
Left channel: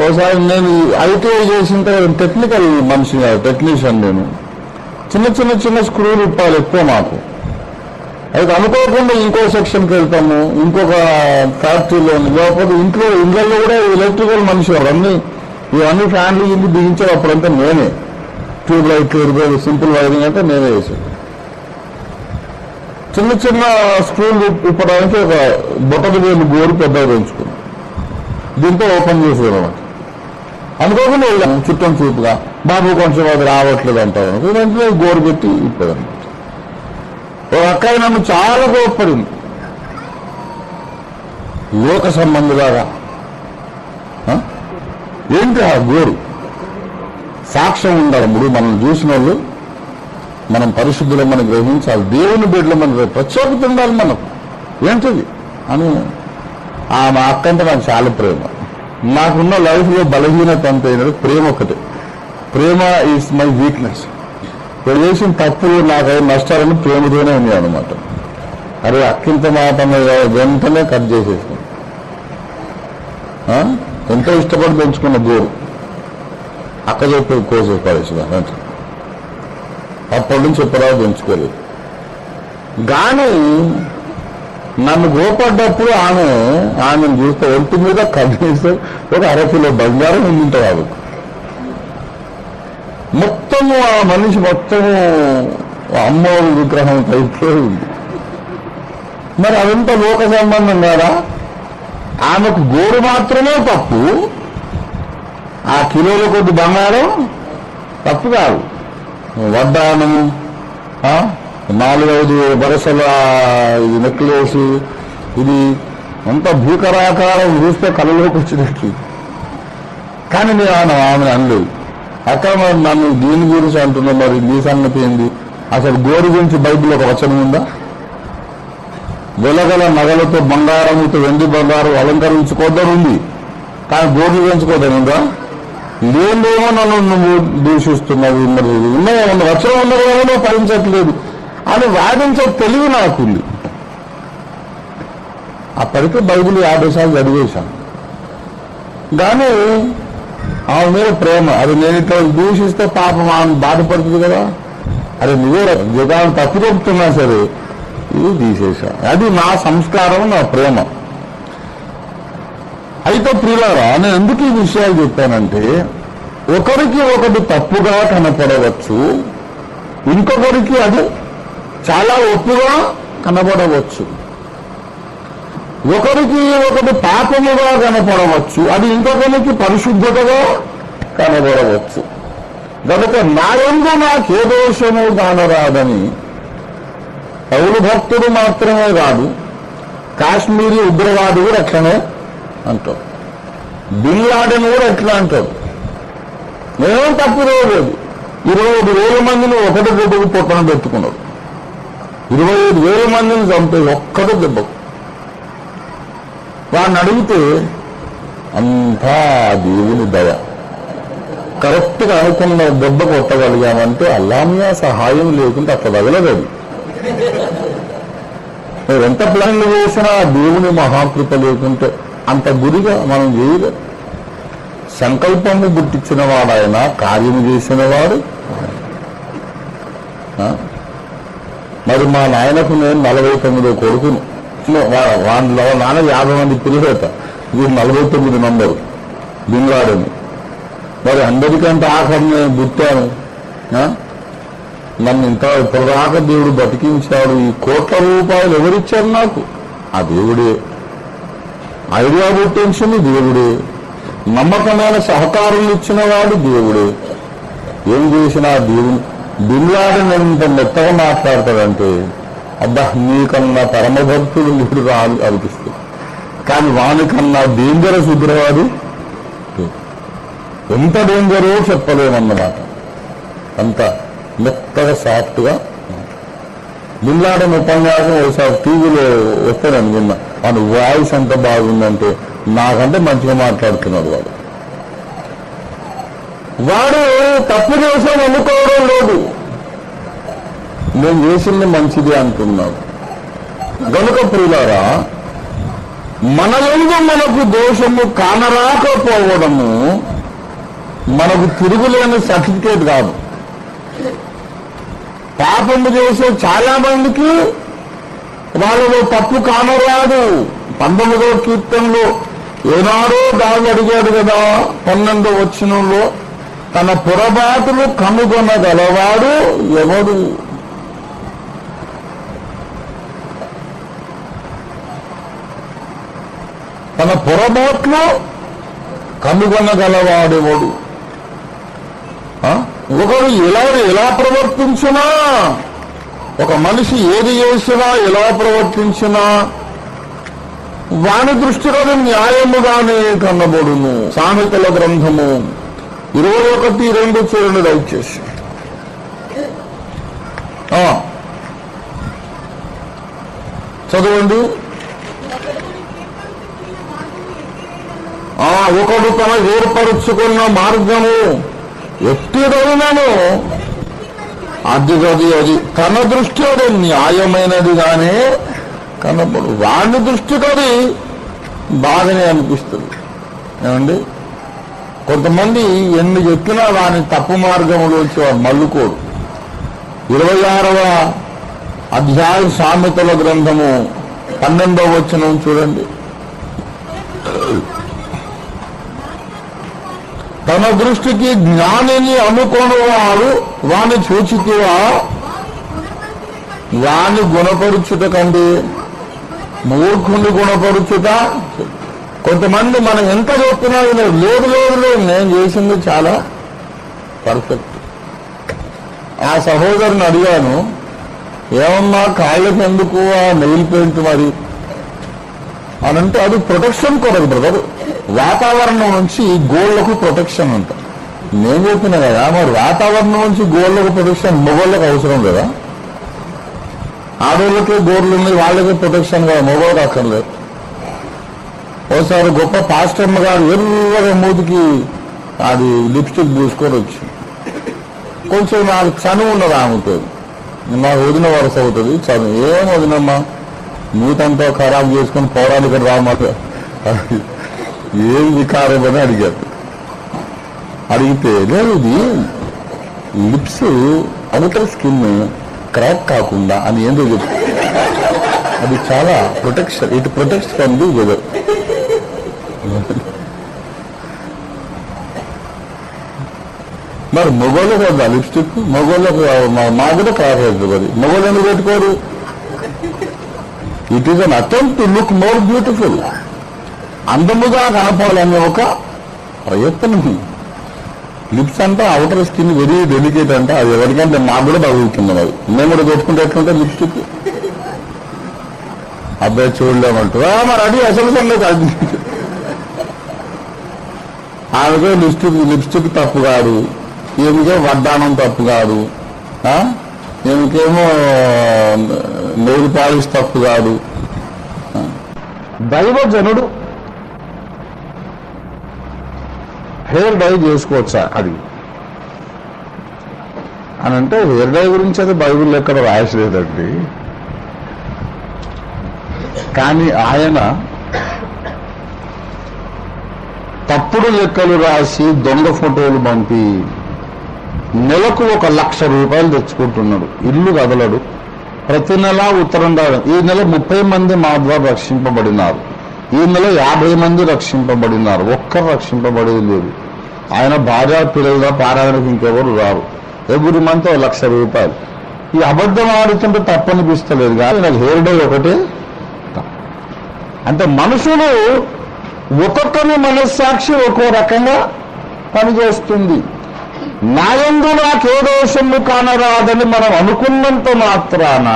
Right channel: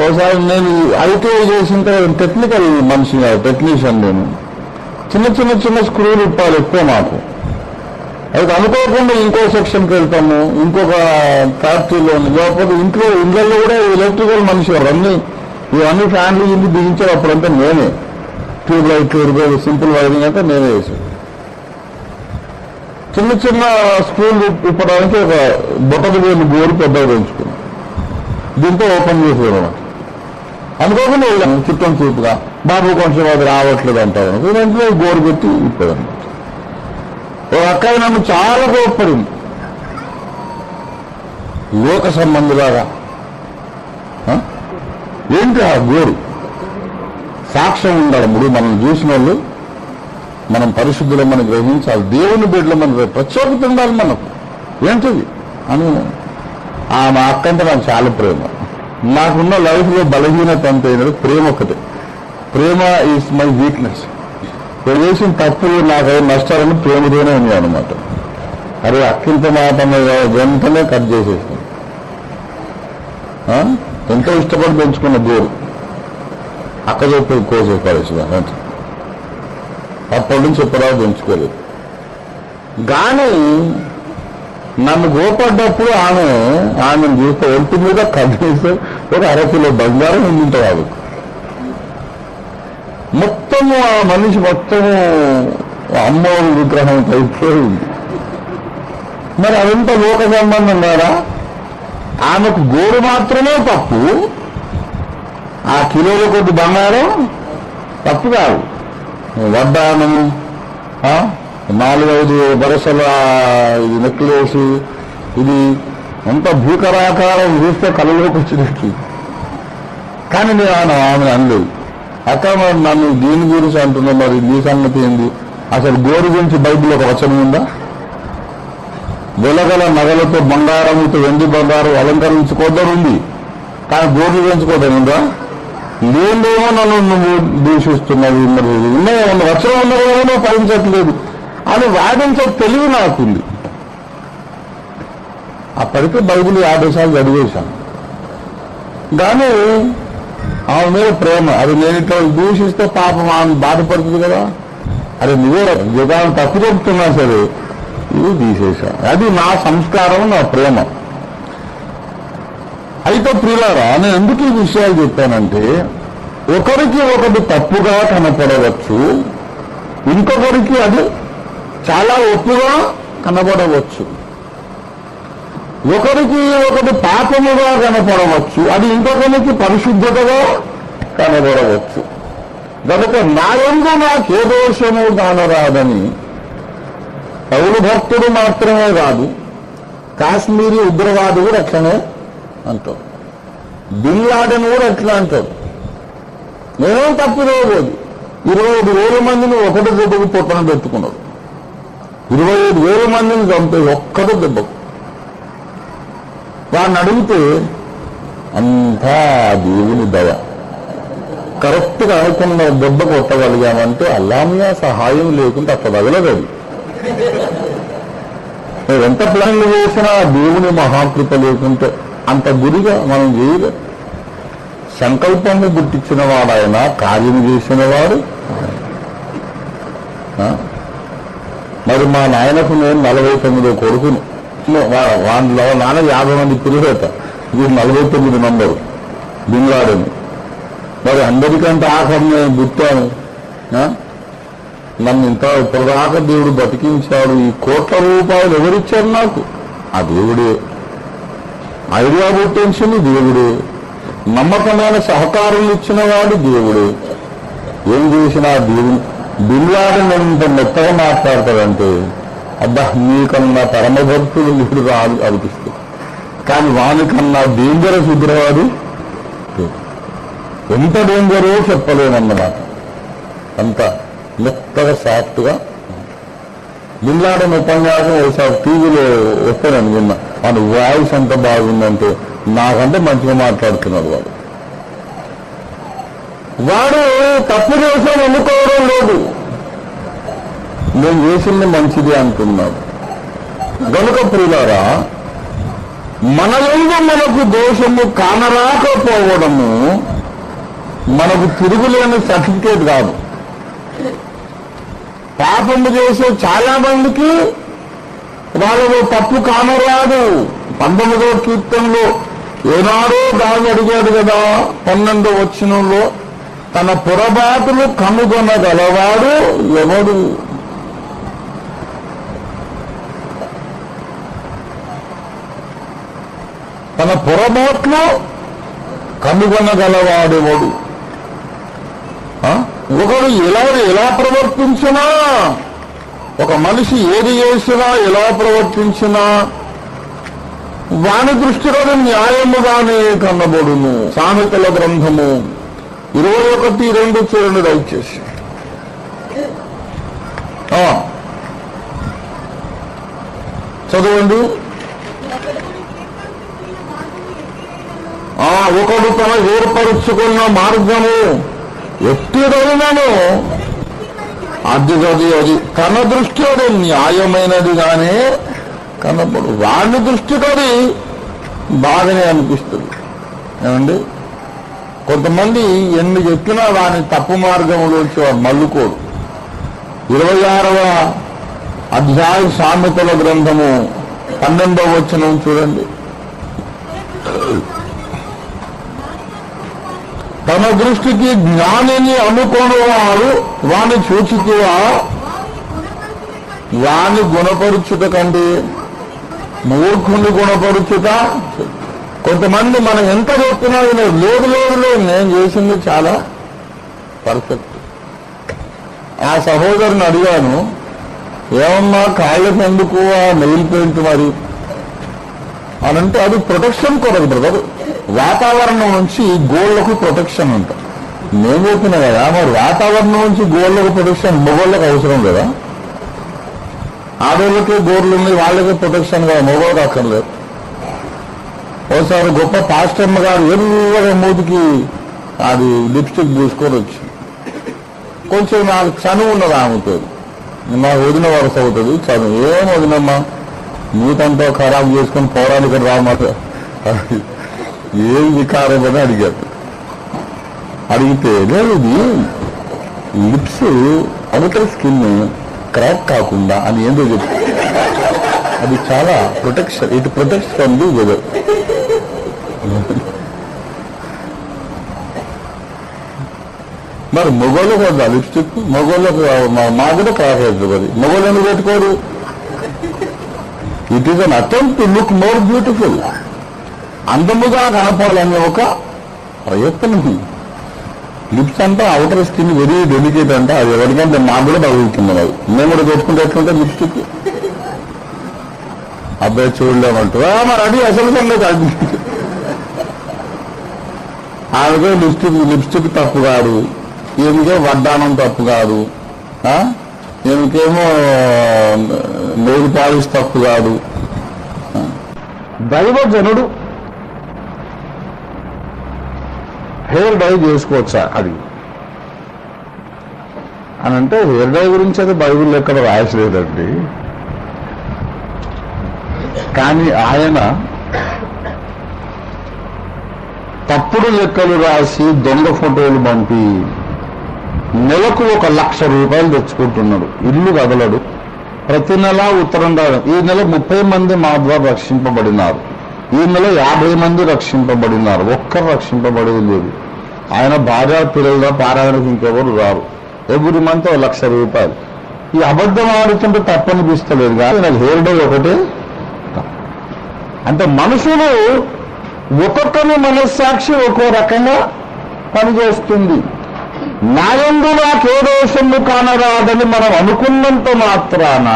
ఒకసారి నేను ఐటీఐ చేసిన తర్వాత టెక్నికల్ మనిషి కాదు, టెక్నీషియన్. నేను చిన్న స్క్రూలు ఇప్పాలి ఎక్కువ మాకు. అది అనుకోకుండా ఇంకో సెక్షన్కి వెళ్తాము, ఇంకొక ఫ్యాక్టరీలో, లేకపోతే ఇళ్ళల్లో కూడా ఎలక్ట్రికల్ మనిషి గారు ఇవన్నీ ఫ్యామిలీ ఇంటి దిగించారు. అప్పుడంతా నేనే ట్యూబ్ లైట్లు సింపుల్ వైరింగ్ అంటే నేనే వేసి చిన్న స్క్రూలు ఇప్పడానికి ఒక బొట్టకు వేలు గోరు పెద్దగా పెంచుకున్నాం. దీంతో ఓపెన్ చేసేవాళ్ళం. అనుకోకుండా వెళ్ళాము చుట్టం చూపుగా, బాబు కొంచెం అది రావట్లేదు అంటారు. వెంటనే గోరు పెట్టి ఇప్పదన్నమాట. ఓ అక్కయ్య నన్ను చాలా కోప్పడింది, లోక సంబంధులాగా. ఏంటి ఆ గోరు? సాక్ష్యం ఉండాలి. మనం చూసిన వాళ్ళు, మనం పరిశుద్ధులు మనం గ్రహించాలి, దేవుని బిడ్డలు మన ప్రత్యేకత ఉండాలి మనకు. ఏంటిది అని మా అక్క అంటే నాకు చాలా ప్రేమ. నాకున్న లైఫ్లో బలహీనత అంతా ప్రేమ ఒకటే. ప్రేమ ఈజ్ మై వీక్నెస్. చేసిన తప్పులు నాకైన నష్టాలను ప్రేమతోనే ఉన్నాయి అనమాట. అరే అక్కింత మాట వెంటనే కట్ చేసేస్తాను. ఎంతో ఇష్టపడి పెంచుకున్న గోరు అక్క చెప్పి కోసే పరిస్థితి అప్పటి నుంచి ఎప్పుడో పెంచుకోలేదు. కానీ నన్ను గోపడ్డప్పుడు ఆమెను చూస్తే ఒంటి మీద కనీసం ఒక 1/2 కిలో బంగారం ఉండింటారు కాబట్టి మొత్తము ఆ మనిషి మొత్తము అమ్మవారి విగ్రహం అయితే ఉంది. మరి అదంతా లోక సంబంధం కదా. ఆమెకు గోరు మాత్రమే తప్పు, ఆ కిలోల కొద్ది బంగారం తప్పు కాదు. వడ్డానము 4-5 వరుసల ఇది నెక్లేసి ఇది అంత భూకరాకారం చూస్తే కళ్ళలోకి వచ్చినట్టు. కానీ నేను ఆమె అనలేదు. అక్కడ మరి నన్ను దీని గురించి అంటున్నా, మరి నీ సంగతి ఏంది? అసలు గోరు గురించి బైబిల్ ఒక వచనం ఉందా? వెలగల నగలతో బంగారముతో వెండి బంగారం అలంకరించుకోద్దని కానీ గోరు పెంచుకోదనుందా? లేదేమో నన్ను నువ్వు దూషిస్తున్నావు, ఉన్నాయో వచనం ఉన్నదో భరించట్లేదు అని వాదించే తెలివి నాకుంది. అప్పటికే బైబిల్ 50 సార్లు చదివేశాను. కానీ ఆమె మీద ప్రేమ, అది నేను ఇట్లా దూషిస్తే పాపం ఆమె బాధపడుతుంది కదా. అరే నువ్వే యుగాన్ని తప్పు చెప్తున్నా సరే ఇది తీసేశా. అది నా సంస్కారం, నా ప్రేమ. అయితే ప్రియులారా, నేను ఎందుకు ఈ విషయాలు చెప్పానంటే, ఒకరికి ఒకటి తప్పుగా కనపడవచ్చు, ఇంకొకరికి అది చాలా ఒప్పుగా కనపడవచ్చు. ఒకరికి ఒకటి పాపముగా కనపడవచ్చు, అది ఇంకొకరికి పరిశుద్ధతగా కనబడవచ్చు. కనుక నా యందు నాకే దోషము కానరాదని పౌలు భక్తుడు మాత్రమే కాదు, కాశ్మీరీ ఉగ్రవాది కూడా అట్లనే అంటాడు. బిన్ లాడెన్ కూడా ఎట్లా అంటాడు. నేనేం తప్పు లేదు. 25,000 మందిని ఒకటి దెబ్బకు పొట్టన పెట్టుకున్నాడు. 25,000 మందిని చంపే ఒక్కటి దెబ్బకు. వాడిని అడిగితే అంతా దేవుని దయ, కరెక్ట్గా అనుకున్న దెబ్బ కొట్టగలిగామంటే అల్లామియా సహాయం లేకుంటే అట్లా తగలగదు. ఎంత ప్లాన్లు చేసినా దేవుని మహాకృప లేకుంటే అంత గురిగా మనం చేయలేదు. సంకల్పము గుర్తించిన వాడైనా కార్యం చేసిన వాడు. మరి మా నాయనకు నేను 49వ కొడుకును, వాళ్ళ నాన్న 50 మంది పిల్లలేత, వీడు 49 నంబరు బిన్ లాడెన్. మరి అందరికంటే ఆఖరి నేను పుట్టాను. నన్ను ఇంత ఇప్పటిదాకా దేవుడు బతికించాడు. ఈ కోట్ల రూపాయలు ఎవరిచ్చారు నాకు? ఆ దేవుడే. ఐడియా పుట్టించింది దేవుడే. నమ్మకమైన సహకారులు ఇచ్చిన వాడు దేవుడే. ఏం చేసినా దేవుడు. బిన్ లాడెన్ ఇంత మెత్తగా మాట్లాడతాడంటే అబ్బా నీకన్నా పరమభక్తులు మీరు రాదు అనిపిస్తుంది. కానీ వానికన్నా డేంజరస్ ఉగ్రవాడు ఎంత డేంజరో చెప్పలేమన్నమాట. అంత మెత్తగా సాఫ్ట్గా. బిన్ లాడెన్ ఉపన్యాసం ఒకసారి టీవీలో వస్తాను అనుకున్నా. వాడి వాయిస్ అంత బాగుందంటే నాకంటే మంచిగా మాట్లాడుతున్నాడు వాడు. వాడు తప్పు చేశాను ఎన్నుకోవడం లేదు, నేను చేసింది మంచిది అంటున్నాడు. గనుక ప్రియులారా, మన యందు మనకు దోషము కానరాకపోవడము మనకు తిరుగులేని సర్టిఫికేట్ కాదు. పాపము చేసే చాలా మందికి వాళ్ళలో తప్పు కానరాదు. 19వ కీర్తనలో ఏనాడో దాన్ని అడిగాడు కదా, 12వ వచనంలో, తన పొరపాటును కనుగొనగలవాడు ఎవడు? తన పొరపాట్లు కనుగొనగలవాడు ఎవడు? ఒకడు ఎలా ప్రవర్తించినా, ఒక మనిషి ఏది చేసినా ఎలా ప్రవర్తించినా వాని దృష్టిలో న్యాయముగానే కనబడును. సామెతల గ్రంథము 21:2 చూడండి దయచేసి. చదవండి. ఒకడు తన ఏర్పరుచుకున్న మార్గము ఎట్టిదైనను అది తన దృష్టి అది న్యాయమైనదిగానే కనబడు. వాని దృష్టికి అది బాగానే అనిపిస్తుంది. ఏమండి, కొంతమంది ఎన్ని చెప్పినా వాని తప్పు మార్గంలోంచి మల్లుకోడు. 26వ అధ్యాయ సామెతల గ్రంథము 12వ వచనం చూడండి. తన దృష్టికి జ్ఞానిని అనుకొనివాడు వాని చూచుకువా వాని గుణపరుచుట కంటే మూర్ఖుని గుణపరుచుట. కొంతమంది మనం ఎంత చెప్పినా లేదు నేను చేసింది చాలా పర్ఫెక్ట్. ఆ సహోదరుని అడిగాను, ఏమన్నా కాళ్ళకి ఎందుకు నెయిల్ పెయింట్ మరి అనంటే అది ప్రొటెక్షన్ కొరకు బ్రదర్, వాతావరణం నుంచి గోళ్లకు ప్రొటెక్షన్ అంట. నేను చెప్పిన కదా, మరి వాతావరణం నుంచి గోళ్లకు ప్రొటెక్షన్ మొగోళ్ళకి అవసరం కదా. ఆడోళ్ళకే గోర్లు ఉన్నాయి, వాళ్ళకే ప్రొటెక్షన్ కదా, మొగోళ్ళకి అక్కర్లేదు. ఒకసారి గొప్ప పాస్టర్మ గారు ఎర్రగా మూతికి అది లిప్స్టిక్ పూసుకొని వచ్చి కొంచెం నాకు చనువు ఉన్నది ఆమెతో, నాకు వదిన వరుస అవుతుంది చనువు. ఏం వదినమ్మా మూతంతా ఖరాబ్ చేసుకొని పోరాడు ఇక్కడ రామాట ఏం వికారం అని అడిగారు. అడిగితే లేదు ఇది లిప్స్ అవతల స్కిన్ క్రాక్ కాకుండా అని ఏంటో చెప్పి అది చాలా protection, it protect from the weather. మరి మొగోళ్ళకు వద్దా లిప్స్టిక్? మొగోళ్ళకు మా కూడా క్రాస్ అవుతుంది. మరి మొగోళ్ళని పెట్టుకోరు. It is an attempt to look more beautiful, అందముగా కనపాలనే ఒక ప్రయత్నం. లిప్స్ అంటే అవుటర్ స్కిన్ వెరీ డెలికేట్ అంట, అది ఎవరికంటే నాకు కూడా తగులుతున్నాం. అది మేము కూడా పెట్టుకుంటే ఎట్లుంటే లిప్స్టిక్ అబ్బాయి చూడలేమంటారు. మరి అది అసలు సంగతి. ఆమెకే లిప్స్టిక్ తప్పు కాదు, ఏమికే వడ్డానం తప్పు కాదు, ఏమికేమో నెయిల్ పాలిష్ తప్పు కాదు. దైవజనుడు హెయిర్ డై చేసుకోవచ్చా అది అని అంటే, హెయిర్ డై గురించి అది బైబిల్ ఎక్కడ రాయలేదండి. కానీ ఆయన తప్పుడు లెక్కలు రాసి దొంగ ఫోటోలు పంపి నెలకు 1,00,000 రూపాయలు తెచ్చుకుంటున్నాడు. ఇల్లు కదలడు, ప్రతి నెల ఉత్తరం రావడం. ఈ నెల 30 మంది మా ద్వారా రక్షింపబడినారు, ఈ నెల 50 మంది రక్షింపబడినారు, ఒక్కరు రక్షింపబడేది లేదు. ఆయన భార్య పిల్లలుగా పారాయణకు ఇంకెవరు రారు. ఎవ్రీ మంత్ 1,00,000 రూపాయలు. ఈ అబద్ధం ఆడుతుంటే తప్పనిపిస్తలేదు కానీ నాకు హెయిర్ డై ఒకటే. అంటే మనుషులు ఒక్కొక్కరి మనస్సాక్షి ఒక్కో రకంగా పనిచేస్తుంది. నాయందు నాకే దోషము కానరాదని మనం అనుకున్నంత మాత్రాన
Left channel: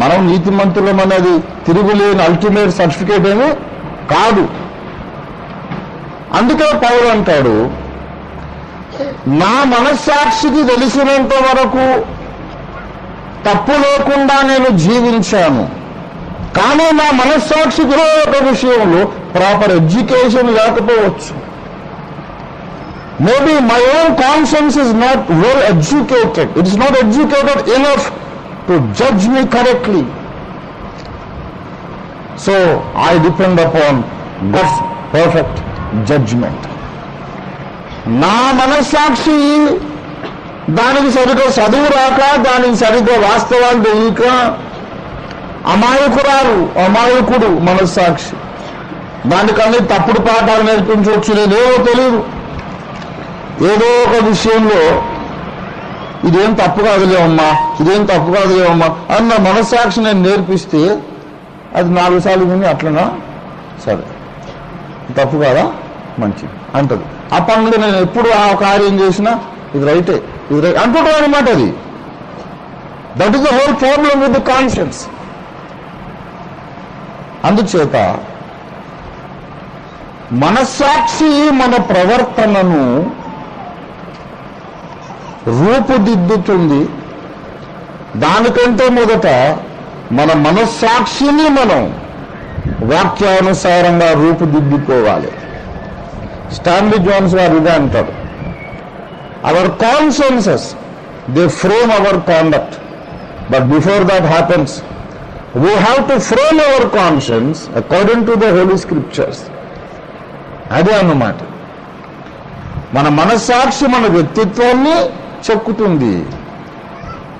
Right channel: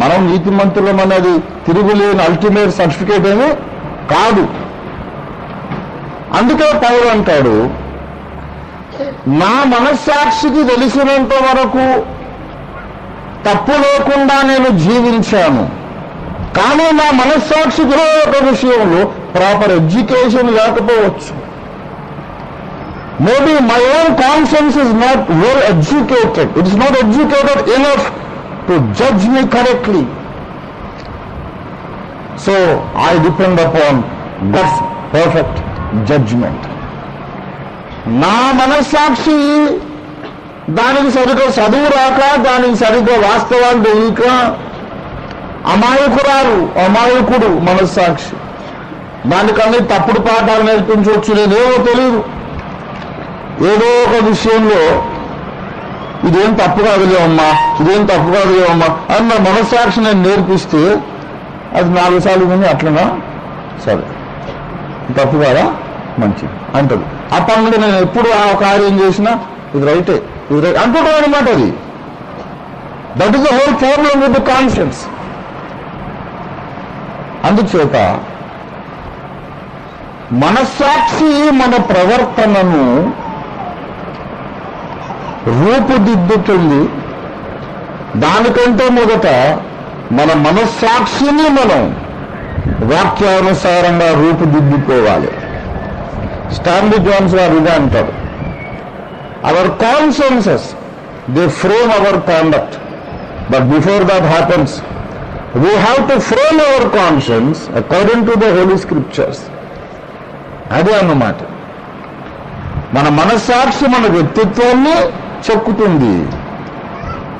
మనం నీతిమంతులం అనేది తిరుగులేని అల్టిమేట్ సర్టిఫికేట్ ఏమీ కాదు. అందుకే పౌలు అంటాడు, నా మనస్సాక్షికి తెలిసినంత వరకు తప్పు లేకుండా నేను జీవించాను. కానీ నా మనస్సాక్షికి ఒక విషయంలో ప్రాపర్ ఎడ్యుకేషన్ లేకపోవచ్చు. Maybe my own conscience is not well educated. It is not educated enough to judge me correctly. So I depend upon God's perfect judgment. నా మనస్సాక్షి దానికి సరిగ్గా చదువు రాక, దానికి సరిగ్గా వాస్తవాలు తెలియక అమాయకుడు మనస్సాక్షి. దానికన్నీ తప్పుడు పాఠాలు నేర్పించవచ్చు, నేనేమో తెలియదు. ఏదో ఒక విషయంలో ఇదేం తప్పు కాదులేమమ్మా, ఇదేం తప్పు కాదులేమమ్మా అన్న మనస్సాక్షి నేను నేర్పిస్తే అది 4 సార్లు విని అట్లనా సరే తప్పు కాదా మంచిది అంటది. అప్పటి నుండి నేను ఎప్పుడు ఆ కార్యం చేసినా ఇది రైటే ఇది రైట్ అంటుంటాను అనమాట. అది that is the whole problem with the conscience. అందుచేత మనస్సాక్షి మన ప్రవర్తనను రూపుదిద్దుతుంది. దానికంటే మొదట మన మనస్సాక్షిని మనం వాక్యానుసారంగా రూపుదిద్దుకోవాలి. స్టాన్లీ జోన్స్ గారు ఇదే అంటారు, our consciences they frame our conduct, but before that happens we have to frame our conscience according to the holy scriptures. అదే అన్నమాట. మన మనస్సాక్షి మన వ్యక్తిత్వాన్ని చెక్కుతుంది.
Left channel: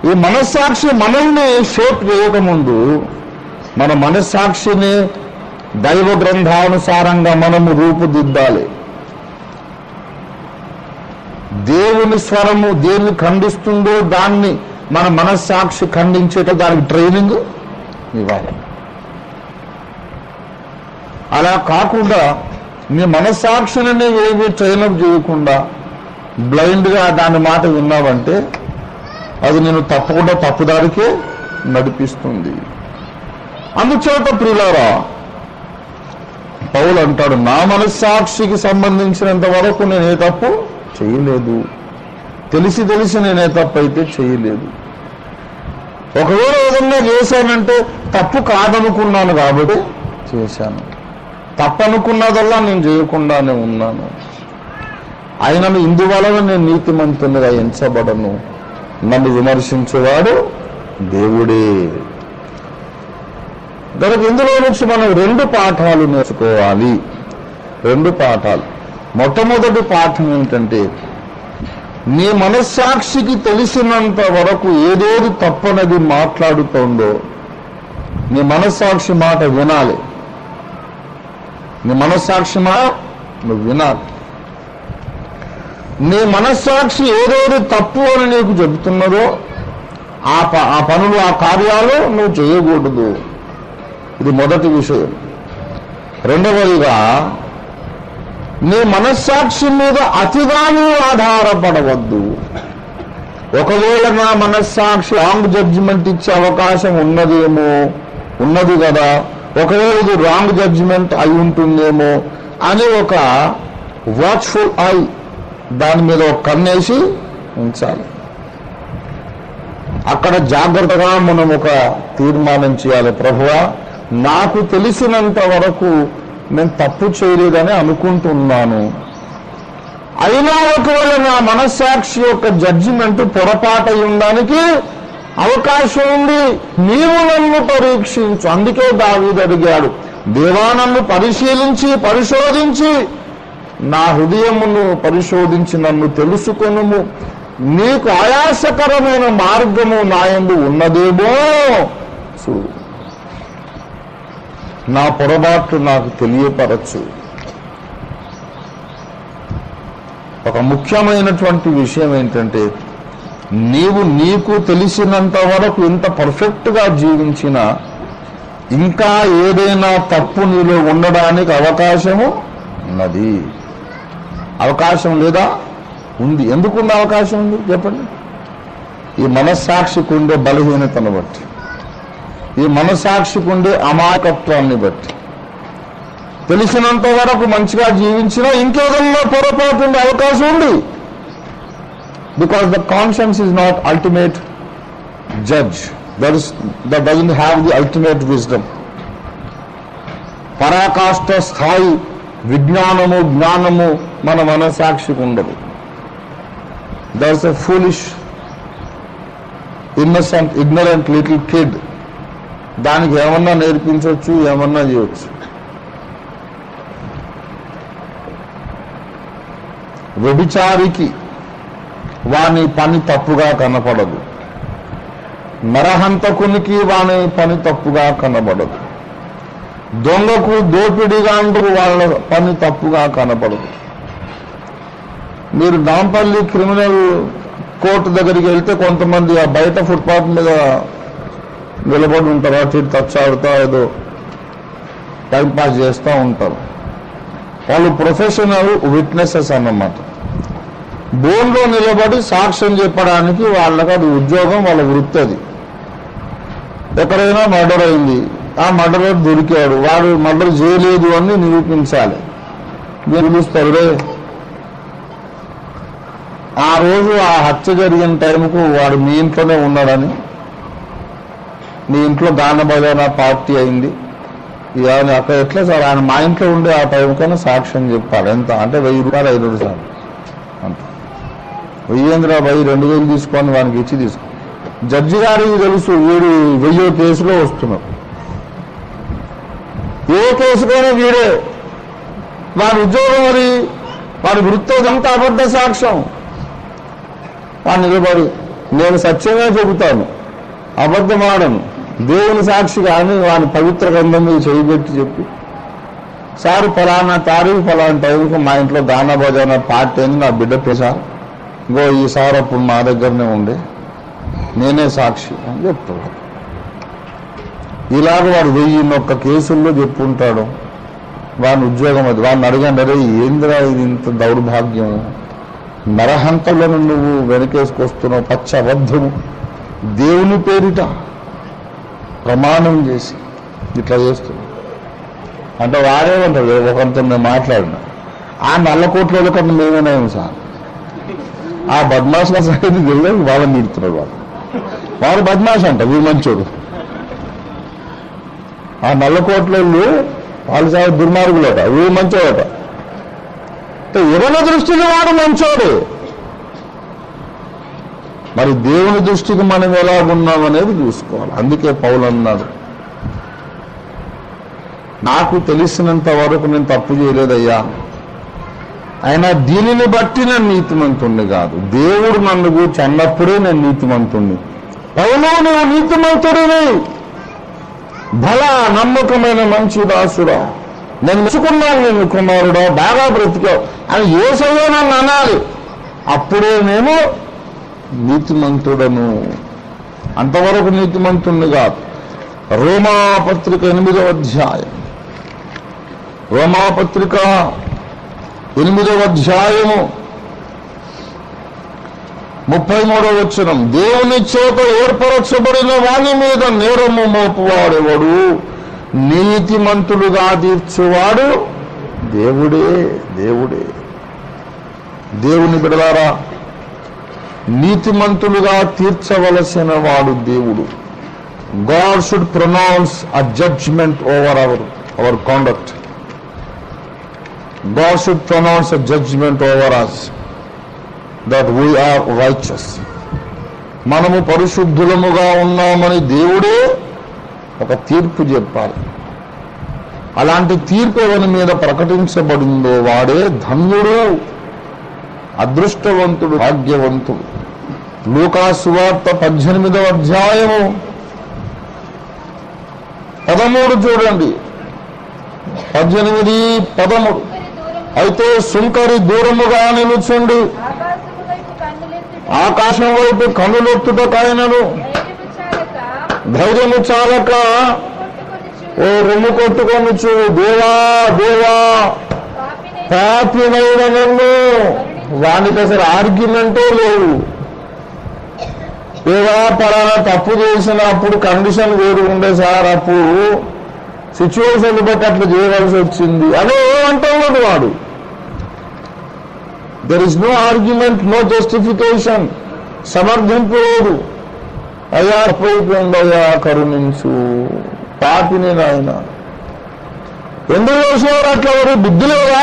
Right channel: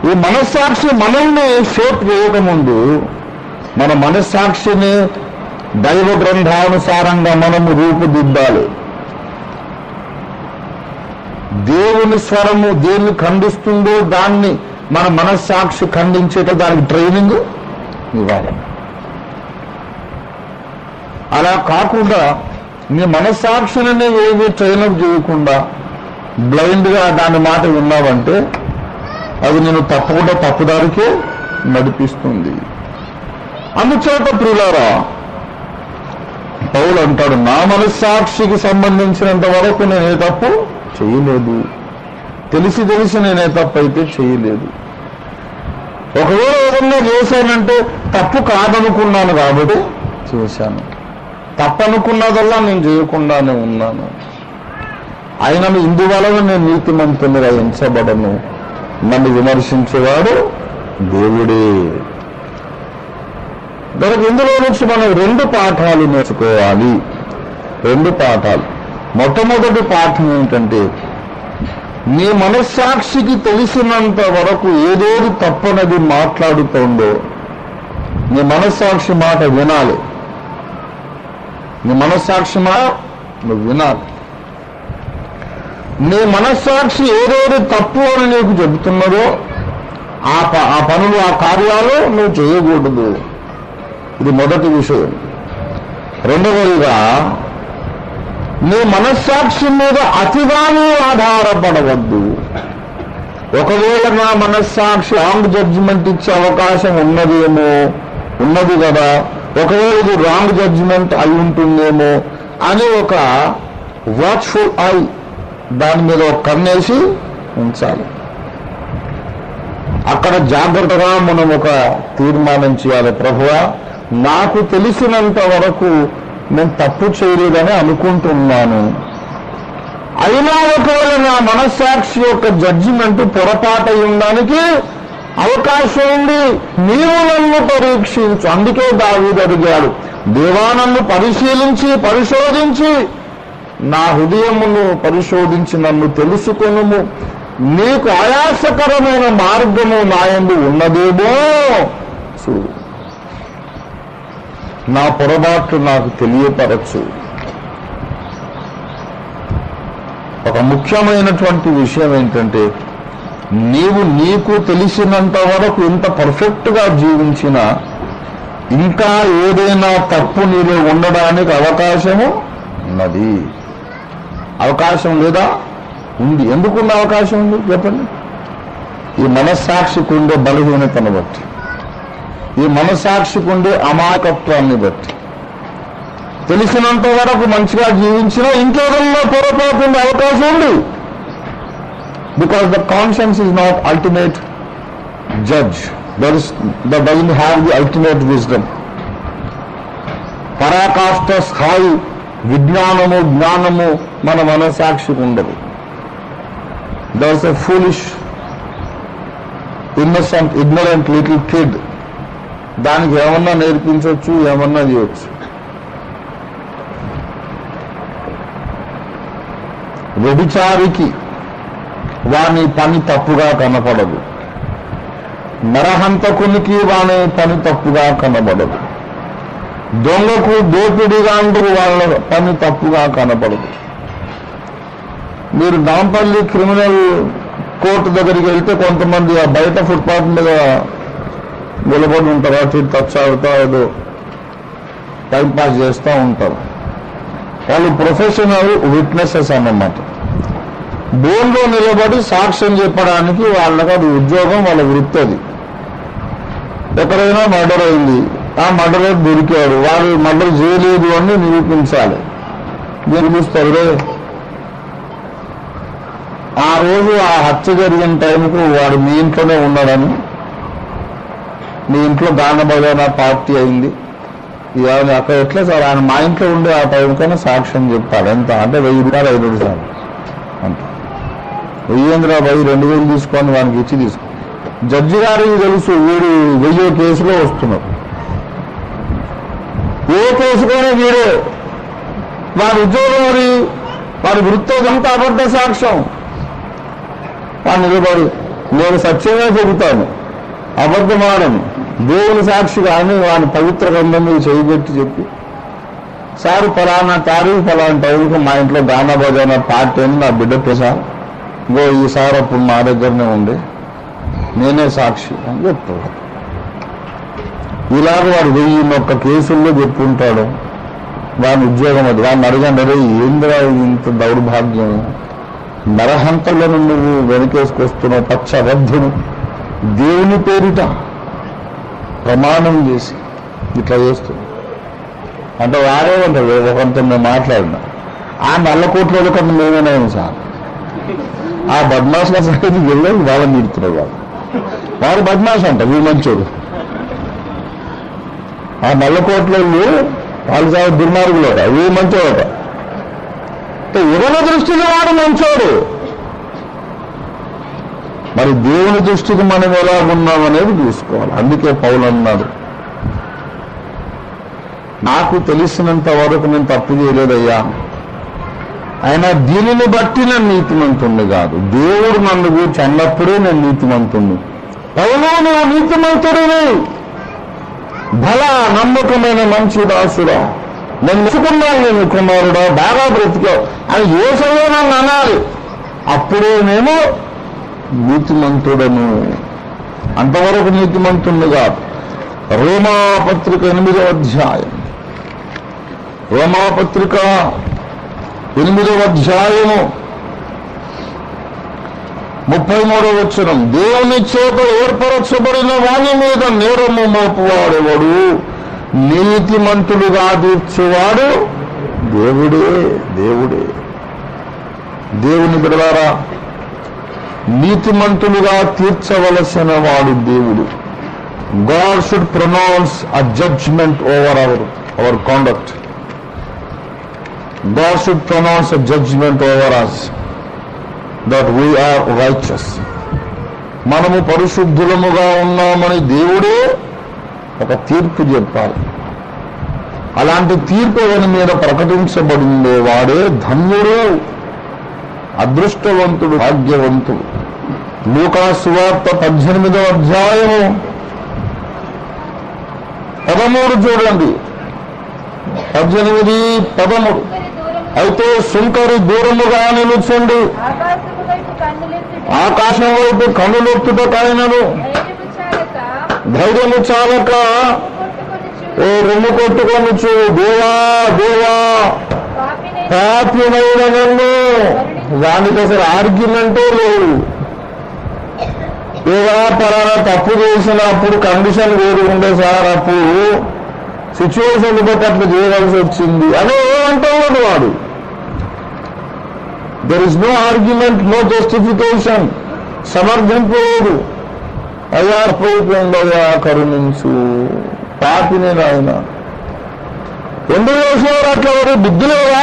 ఈ మనస్సాక్షి మనల్ని షేప్ చేయకముందు మన మనస్సాక్షిని దైవ గ్రంథానుసారంగా మనము రూపుదిద్దాలి. దేవుని స్వరము దేన్ని ఖండిస్తుందో దాన్ని మన మనస్సాక్షి ఖండించేట దానికి ట్రైనింగ్ ఇవ్వాలి. అలా కాకుండా నీ మనస్సాక్షిని ఏమి ట్రైనప్ చేయకుండా బ్లైండ్గా దాని మాట విన్నావంటే అది నేను తప్పకుండా తప్పుదారికే నడిపిస్తుంది. అందుచేత ప్రియులారా పౌలు అంటాడు, నా మనస్సాక్షికి సంబంధించినంత వరకు నేనే తప్పు చేయలేదు, తెలిసి నేనే తప్పు అయితే చేయలేదు. ఒకవేళ ఏదన్నా చేశానంటే తప్పు కాదనుకున్నాను కాబట్టి చేశాను, తప్పనుకున్నదల్లా నేను చేయకుండానే ఉన్నాను. అయినను ఇందువలన నేను నీతిమంతునిగా ఎంచబడను, నన్ను విమర్శించేవాడు దేవుడే. దానికి ఇందులో నుంచి మనం 2 పాఠాలు నేర్చుకోవాలి. 2 పాఠాలు. మొట్టమొదటి పాఠం ఏంటంటే, నీ మనస్సాక్షికి తెలిసినంత వరకు ఏదేది తప్పనది మాట్లాడుతోందో నీ మనస్సాక్షి మాట వినాలి. నీ మనస్సాక్షి మాట నువ్వు వినాలి. నీ మనస్సాక్షి ఏదేది తప్పు అని నీకు చెబుతున్నదో ఆ పనులు ఆ కార్యాలు నువ్వు చేయకూడదు. ఇది మొదటి విషయం. రెండవదిగా నీ మనస్సాక్షి మీద అతిగానే ఆధారపడవద్దు. ఒకవేళ నా మనస్సాక్షి రాంగ్ జడ్జిమెంట్ ఇచ్చే అవకాశం ఉన్నది కదా, ఒకవేళ ఇది రాంగ్ జడ్జిమెంట్ అయి ఉంటుందేమో అని ఒక వాచ్ఫుల్ ఐ దాని మీద ఒక కన్నేసి ఉంచాలి. అక్కడ జాగ్రత్తగా మనం ఒక తీర్మానం చేయాలి. ప్రభువా, నాకు తెలిసినంత వరకు నేను తప్పు చేయలేదని అనుకుంటున్నాను, అయినా ఒకవేళ నా మనస్సాక్షి యొక్క జడ్జిమెంట్ పొరపాటు ఉండడానికి అవకాశం ఉంది, నీవు నన్ను పరీక్షించు. అందుకే దావీదు అడిగాడు, దేవా నన్ను పరిశోధించి నా హృదయమును పరిశోధించి నన్ను తెలుసుకొనుము, నీకు ఆయాసకరమైన మార్గము నా యందు ఉన్నదేమో చూడు, నా పొరపాట్లు నాకు తెలియపరచు. ఒక ముఖ్యమైనటువంటి విషయం ఏంటంటే, నీకు తెలిసినంత వరకు ఇంత పర్ఫెక్ట్గా జీవించినా ఇంకా ఏదైనా తప్పు నీలో ఉండడానికి అవకాశము ఉన్నది. అవకాశం లేదా? ఉంది. ఎందుకున్న అవకాశం ఉంది చెప్పండి? ఈ మనస్సాక్షికి ఉండే బలహీనతను బట్టి, ఈ మనస్సాక్షికి ఉండే అమాయకత్వాన్ని బట్టి, తెలిసినంత వరకు మంచిగా జీవించినా ఇంకేదన్నా పొరపాటు ఉండే అవకాశం ఉంది. Because the conscience is not ultimate judge, that doesn't have the ultimate wisdom. పరాకాష్ఠ స్థాయి జ్ఞానము మన మనస్సాక్షికి ఉండదు. There's a foolish, innocent, ignorant little kid. దానికి ఏమన్నా నేర్పించవచ్చు, ఏమన్నా చేయొచ్చు. వ్యభిచారికి వాని పని తప్పుగా కనపడదు, నరహంతకునికి వాని పని తప్పుగా కనబడదు, దొంగకు దోపిడిగా వాళ్ళ పని తప్పుగా కనపడదు. మీరు నాంపల్లి క్రిమినల్ కోర్టు దగ్గరికి వెళ్తే కొంతమంది ఆ బయట ఫుట్పాత్ మీద నిలబడి ఉంటారు, అటు తచ్చాడుతా ఏదో టైంపాస్ చేస్తూ ఉంటారు. వాళ్ళు ప్రొఫెషనల్ విట్నెసెస్ అన్నమాట. బోన్లో నిలబడి సాక్ష్యం చెప్పడానికి వాళ్ళకి అది ఉద్యోగం, వాళ్ళ వృత్తి. అది ఎక్కడైనా మర్డర్ అయింది, ఆ మర్డర్ దొరికాడు, వాళ్ళు మర్డర్ చేయలేదు అని నిరూపించాలి. నిరూపిస్తారు. ఆ రోజు ఆ హత్య జరిగిన టైంకు వాడు మీ ఇంట్లోనే ఉన్నాడని, మీ ఇంట్లో గాన భజన పార్టీ అయింది, అక్కడ ఎట్లా సార్ ఆయన మా ఇంట్లో ఉండే ఆ టైంకైనా సాక్ష్యం చెప్పాలి. ఎంత అంటే 1000 రూపాయలు 5 రూపాయలు అంత 2000 తీసుకొని వానికి ఇచ్చి తీసుకో. జడ్జి గారికి తెలుసు వీడు 1000 కేసులో వస్తున్నారు, ఏ కేసుకైనా వీరే వారి ఉద్యోగం వారి వృత్తి అంతా అబద్ధ సాక్ష్యం. వాడు నిలబడి నేను సత్యమే చెబుతాను, అబద్ధమాడను, దేవుని సాక్షి కానీ వాని పవిత్ర గ్రంథం మీద చేయబెట్టి చెప్పి సార్ ఫలానా తారీఖు ఫలానా టైంకి మా ఇంట్లో గానా బజానా పార్టీ అని నా బిడ్డ ప్రసాద్ ఇంకో ఈసారి అప్పుడు మా దగ్గరనే ఉండే నేనే సాక్షి అని చెప్తాడు. ఇలాగ వాడు 1001 కేసుల్లో చెప్పుకుంటాడు. వాని ఉద్యోగం అది. వాడిని అడిగాను, అరే ఏందిరా ఇది ఇంత దౌర్భాగ్యం, నరహంతలను నువ్వు వెనకేసుకొస్తున్నావు, పచ్చ అబద్ధము, దేవుని పేరిట ప్రమాణం చేసి ఇట్లా చేస్తున్నావు అంటే వారేమంటాడు. ఒకరితో మేము మాట్లాడినా ఆ నల్లకోట్ల కన్నా మేమేనా సార్ ఆ బద్మాష్ సైడ్కి వెళ్ళి వాళ్ళని నిడుతున్నాడు. వాడు బద్మాష్ అంట, వీడు మంచోడు. ఆ నల్లకోట్లలో వాళ్ళు సార్ దుర్మార్గులట, వీడు మంచోడట. ఎవరి దృష్టికి వాడు మంచోడు. మరి దేవుని దృష్టికి మనం ఎలా ఉన్నాం అనేది చూసుకోవాలి. అందుకే పౌలు అన్నాడు, నాకు తెలిసినంత వరకు నేను తప్పు చేయలేదయ్యా, ఆయన దీనిని బట్టి నేను నీతిమంతుణ్ణి కాదు, దేవుడు నన్ను కూర్చి అన్నప్పుడే నేను నీతిమంతుణ్ణి. పౌలు నువ్వు నీతిమంతుడిని, బలా నమ్మకమైన మంచి దాసుడా, నేను మెచ్చుకున్నాను, నేను కుమారుడా, బాగా బ్రతికావు అని యేసయ్య నన్ను అనాలి. అప్పుడే నేను నీతిమంతుడను. అంతవరకు నీతిమంతుణ్ణి కాదు. రోమాపత్రిక 8వ అధ్యాయం, రోమాపత్రిక 8వ అధ్యాయము 33వ వచనం, దేవుని చేత ఏర్పరచబడిన వాని మీద నేరము మోపువాడెవడు, నీతిమంతులుగా తీర్చేవాడు దేవుడే. దేవుడే. దేవుని బిడ్డలారా, నీతిమంతులుగా తీర్చవలసిన వాడు దేవుడు. God should pronounce a judgment over our conduct. God should pronounce a judgment over us that we are righteous. మనము పరిశుద్ధులముగా ఉన్నామని దేవుడే ఒక తీర్పు చెప్పాలి. అలాంటి తీర్పు ఎవరి మీద ప్రకటించబడిందో వాడే ధన్యుడు, అదృష్టవంతుడు, భాగ్యవంతుడు. లూకా సువార్త 18వ అధ్యాయము 13 చూడండి. 18:13 అయితే సుంకరి దూరముగా నిలుచుండి ఆకాశం వైపు కన్నులెత్తుటకైనను ధైర్యము చాలక ఓ రొమ్ము కొట్టుకొని దేవా దేవా పాపినైన నన్ను. దానికి అసలు ఆర్గ్యుమెంటే లేదు. ఏదో పలానా తప్పు చేసినప్పుడు కండిషన్ వేరు ఉండే సార్, అప్పుడు సిచ్యువేషన్ బట్టి అట్లా చేయవలసి వచ్చింది అని ఏమంటాడు వాడు. There is no argument, no justification. సమర్థింపు లేదు. అయ్యా అయిపోయింది, అయ్యా కరుణించు, పాపిని నాయన ఎందుకు చేసేవారు అట్లా, వారు బుద్ధి లేదా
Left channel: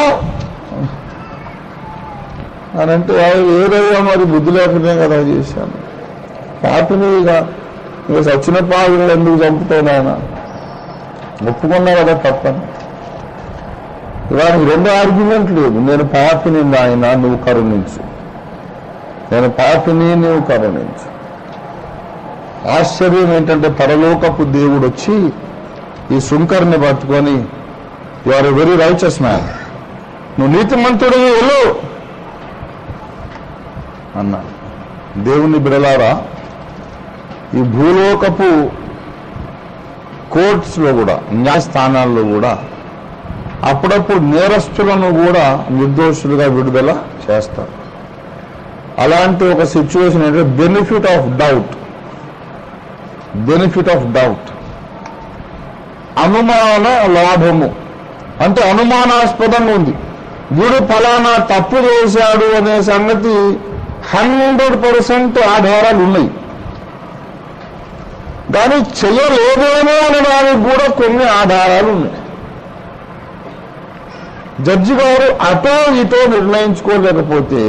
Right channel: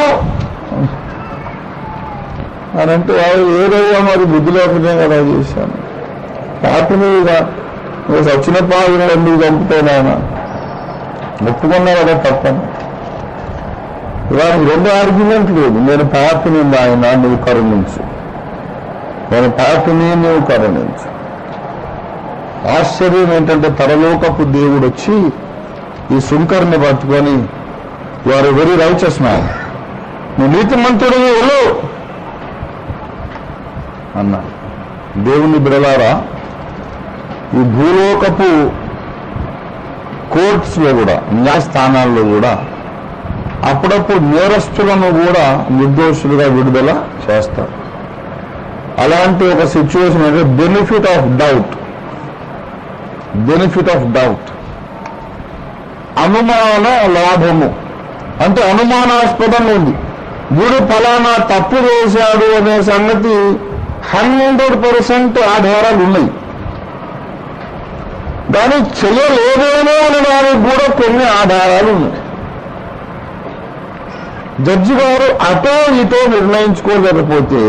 అని అంటే ఏదయ్యా మరి బుద్ధి లేకపోతే కదా చేశాను, పాపినిగా నువ్వు సచ్చిన పాపిని ఎందుకు చంపుతావు ఆయన, ఒప్పుకున్నా కదా తప్పని. ఇవాళ 2 ఆర్గ్యుమెంట్ లేదు. నేను పాపిని ఆయన, నువ్వు కరుణించు, నేను పాపిని, నువ్వు కరుణించు. ఆశ్చర్యం ఏంటంటే పరలోకపు దేవుడు వచ్చి ఈ సుంకర్ని పట్టుకొని, you are a very righteous man, నువ్వు నీతిమంతుడు వెళ్ళు అన్నా. దేవుని బిడలారా, ఈ భూలోకపు కోర్ట్స్లో కూడా, న్యాయస్థానాల్లో కూడా అప్పుడప్పుడు నేరస్తులను కూడా నిర్దోషులుగా విడుదల చేస్తారు. అలాంటి ఒక సిచ్యువేషన్ అంటే benefit of doubt. Benefit of doubt, అనుమాన లాభము. అంటే అనుమానాస్పదంగా ఉంది, వీడు ఫలానా తప్పు చేశాడు అనే సంగతి 100% ఆధారాలు ఉన్నాయి. కానీ చేయలేదేమో అనడానికి కూడా కొన్ని ఆధారాలు ఉన్నాయి. జడ్జి గారు అటో ఇటో నిర్ణయించుకోలేకపోతే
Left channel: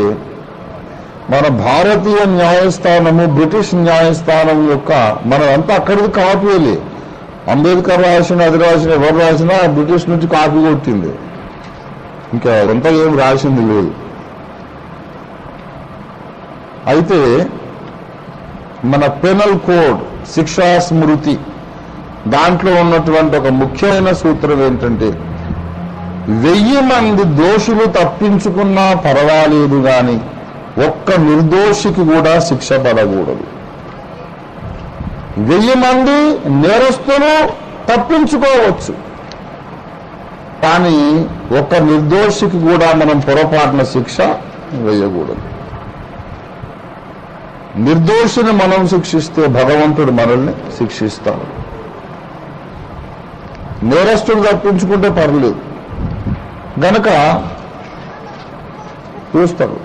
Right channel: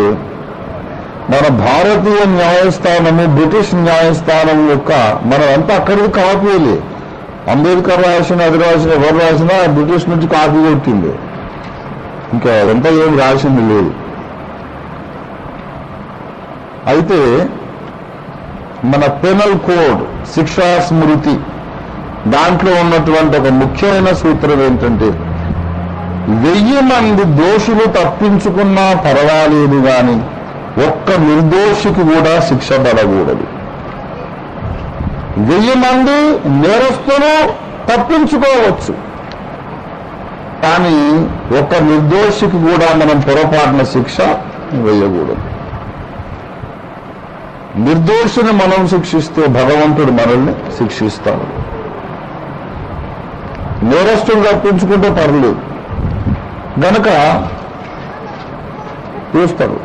మన భారతీయ న్యాయస్థానము, బ్రిటిష్ న్యాయస్థానం యొక్క మనమంతా అక్కడికి కాపీలే. అంబేద్కర్ రాసిన, అది రాసిన, ఎవరు రాసినా బ్రిటిష్ నుంచి కాపీ కొట్టింది. ఇంకా ఎంత ఏం రాసింది లేదు. అయితే మన పెనల్ కోడ్, శిక్షా స్మృతి, దాంట్లో ఉన్నటువంటి ఒక ముఖ్యమైన సూత్రం ఏంటంటే 1000 మంది దోషులు తప్పించుకున్నా పర్వాలేదు కానీ ఒక్క నిర్దోషికి కూడా శిక్ష పడకూడదు. 1000 మంది నేరస్తులు తప్పించుకోవచ్చు, కానీ ఒక్క నిర్దోషికి కూడా మనం పొరపాటున శిక్ష వేయకూడదు. నిర్దోషిని మనం శిక్షిస్తే భగవంతుడు మనల్ని శిక్షిస్తాడు. నేరస్తులు తప్పించుకుంటే పర్లేదు గనక చూస్తారు.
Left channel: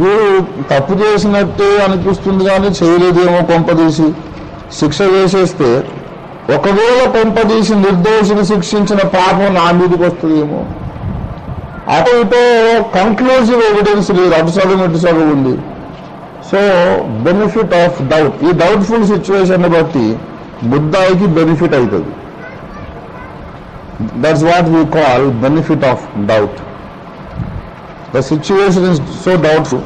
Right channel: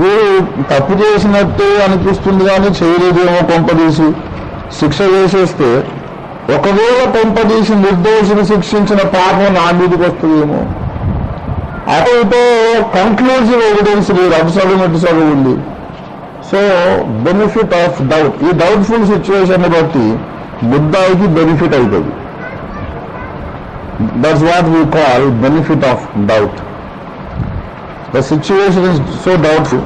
వీడు తప్పు చేసినట్టే అనిపిస్తుంది కానీ చేయలేదేమో కొంపదీసి శిక్ష వేసేస్తే, ఒకవేళ కొంపదీసి నిర్దోషిని శిక్షించిన పాపం నా మీదకి వస్తుందేమో. అటైతే కంక్లూజివ్ ఎవిడెన్స్ లేదు, అటు చదువు ఇటు చదువు ఉంది. సో బెనిఫిట్ ఆఫ్ డౌట్, ఈ డౌట్ఫుల్ సిచ్యువేషన్ బట్టి బుద్ధాయికి బెనిఫిట్ అవుతుంది. That's what we call benefit of doubt. The situation is so doubtful,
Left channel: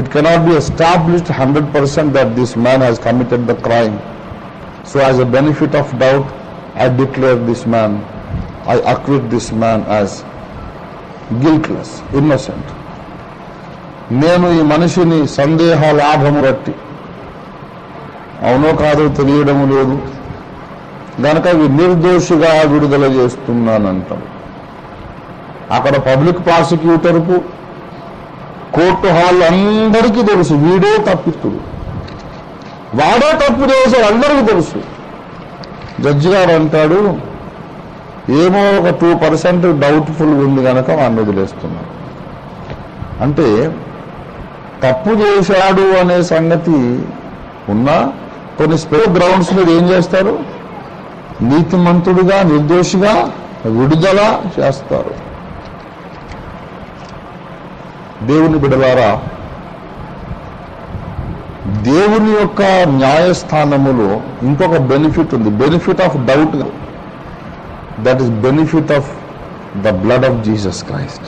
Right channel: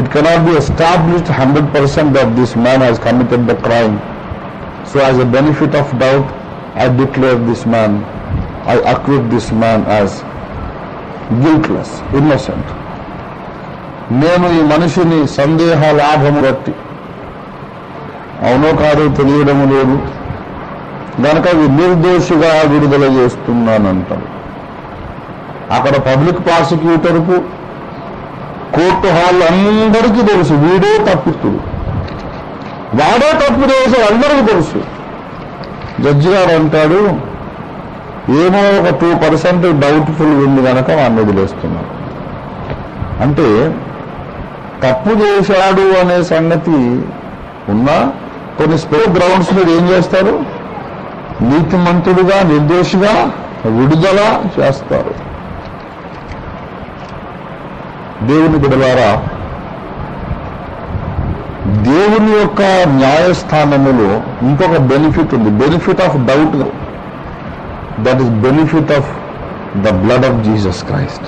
it cannot be established 100% that this man has committed the crime. So as a benefit of doubt, I declare this man, I acquit this man as guiltless, innocent. నేను ఈ మనిషిని సందేహ లాభము బట్టి అవునో కాదో తెలియడము లేదు గనక నిర్దోషిగా విడుదల చేస్తున్నానంటాడు. అక్కడ పబ్లిక్ ప్రాసిక్యూటర్కు, కోర్టు హాల్ అందరికీ తెలుసు వీడే తప్పిస్తుడు, వాడే తప్పు చేసే అందరికీ తెలుసు. జడ్జి గారు అంటాడు ఏమో ఒక 2% డౌట్ఫుల్ ఉంది కనుక వాడిని వదిలేస్తున్నాడు. అంటే తప్పు చేశాడు అనే సంగతి ఉన్నా కొన్ని స్పెషల్ గ్రౌండ్స్ మీద ఏం చేస్తారు, నీతిమంతుడిగా నిర్దోషిగా విడుదల చేస్తారు. దేవుని బిడ్డలారా, దేవుని యొక్క న్యాయస్థానములో ఇంకొక బెనిఫిట్ ఉంది, benefit of doubt. That is benefit of the blood of Jesus Christ,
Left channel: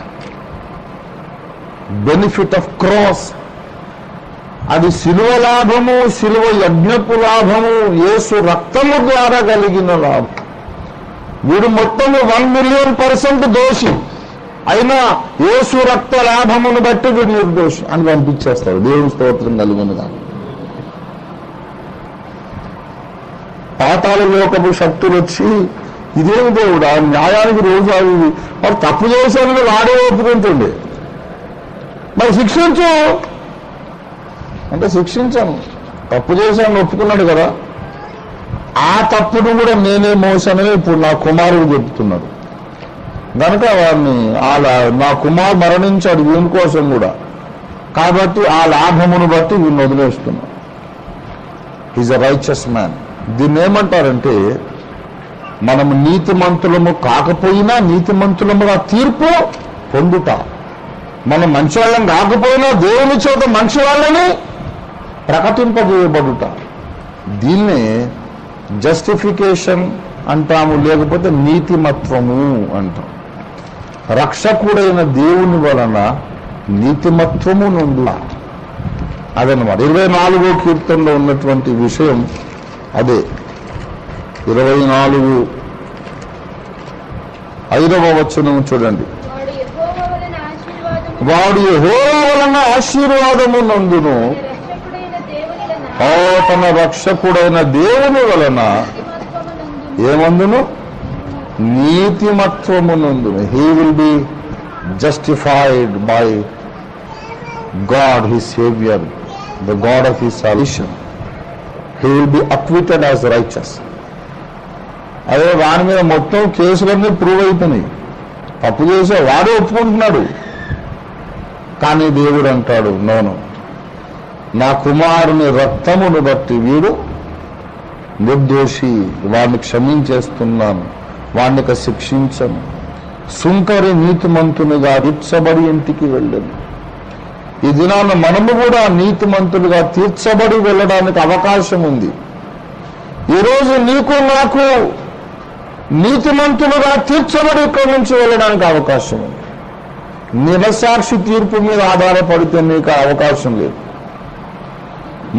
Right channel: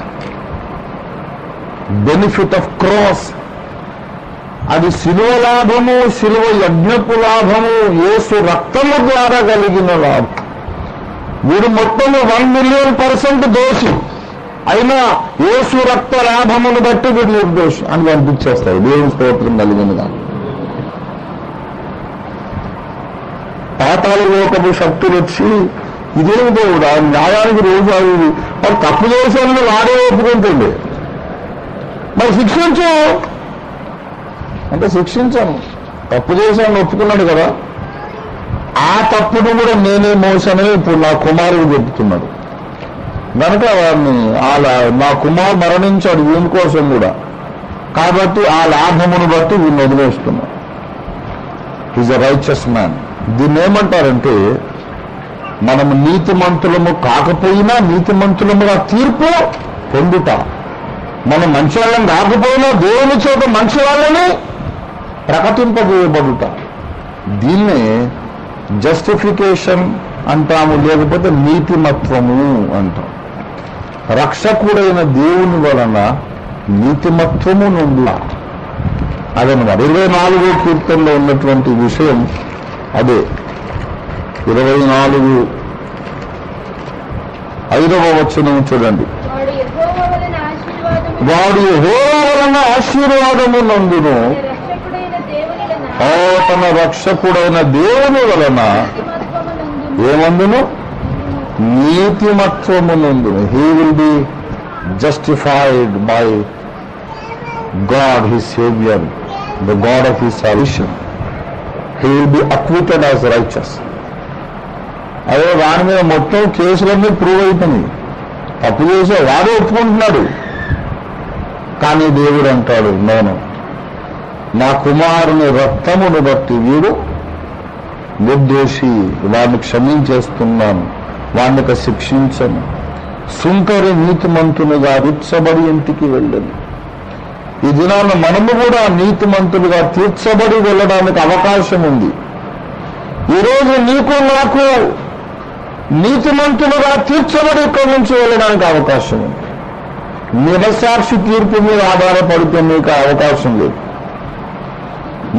benefit of cross. అది శిలువ లాభము, శిలువ యజ్ఞపు లాభము, యేసు రక్తము ద్వారా కలిగిన లాభం. వీడు మొత్తము 1,000,000% దోషి అయినా యేసు రక్త లాభమును బట్టి వీడు నిర్దోషి అని కనిపించేస్తాడు. దేవుని స్తోత్రం కలిగినగా. పాతాళ లోకపు శక్తులు వచ్చి ఇదేమి దేవుడు ఆయన న్యాయానికి రోజు అవి మరి తప్పు చేశానని వాడే ఒప్పుకుంటుండే, మరి శిక్షించు అంటే శిక్షించాను, తప్పు చేశాను ఒప్పుకున్నాడు కదా, ఆ తప్పును కూడా నేనే మోసానని ఇప్పుడు నా కుమారుడు చెప్తున్నాడు. కనుక వాడిని నా కుమారు మరణించాడు వీని కోసం కూడా, కాబట్టి ఆ లాభమును బట్టి వీడిని వదిలేస్తున్నాడు. Is a righteous man. దీన్ని ఏమంటారంటే మనము నీతిమంతులము కాకపోయినా నీతిమంతులముగా తీర్పు పొందుట, మనం మంచి వాళ్ళని కాకపోయినా దేవుని చేత మంచి వాళ్ళని ప్రకటింపజేయబడుట. దీన్నే జస్టిఫికేషన్ అంటాము, లేకపోతే నీతిమత్వము అంటాం. రక్షకుడైన దేవుని వలన నీతిమత్వము నుండి అదనమాట. 24వ కీర్తనలో ఉన్నటువంటి విషయం అదే. 24:5 వచనం చూడండి. వాడు యెహోవా వలన ఆశీర్వాదము నందును, తన రక్షకుడైన దేవుని వలన ఏమందును నీతిమత్వము నందును. He will be justified by God his saviour, the God of his salvation. He will be acquitted as righteous. అదే వాని మీద మొత్తం కేసులన్నీ ప్రూవ్ అయిపోయినాయి, తప్పు చేసే వాడే ఒప్పుకుంటున్నాడు. కానీ దేవుడు అంటాడు నేను నా కుమారుని రక్తమును బట్టి వీడు నిర్దోషి, వాడిని క్షమించేస్తున్నాను, వాడిని శిక్షించను. సుంకరి నీతిమంతునిగా తీర్చబడి ఇంటికి వెళ్ళను. ఈ దినాన మనము కూడా నీతిమంతులుగా తీర్చబడి వెళ్ళడానికి అవకాశం ఉంది. ఈరోజు నీకు నాకు నీతిమంతులుగా తీర్చబడి ఇక్కడి నుంచి వెళ్ళడానికి అవకాశం ఉంది. నిరసాక్షి తీర్పు మీద ఆధారపడితే మీకు అవకాశం లేదు.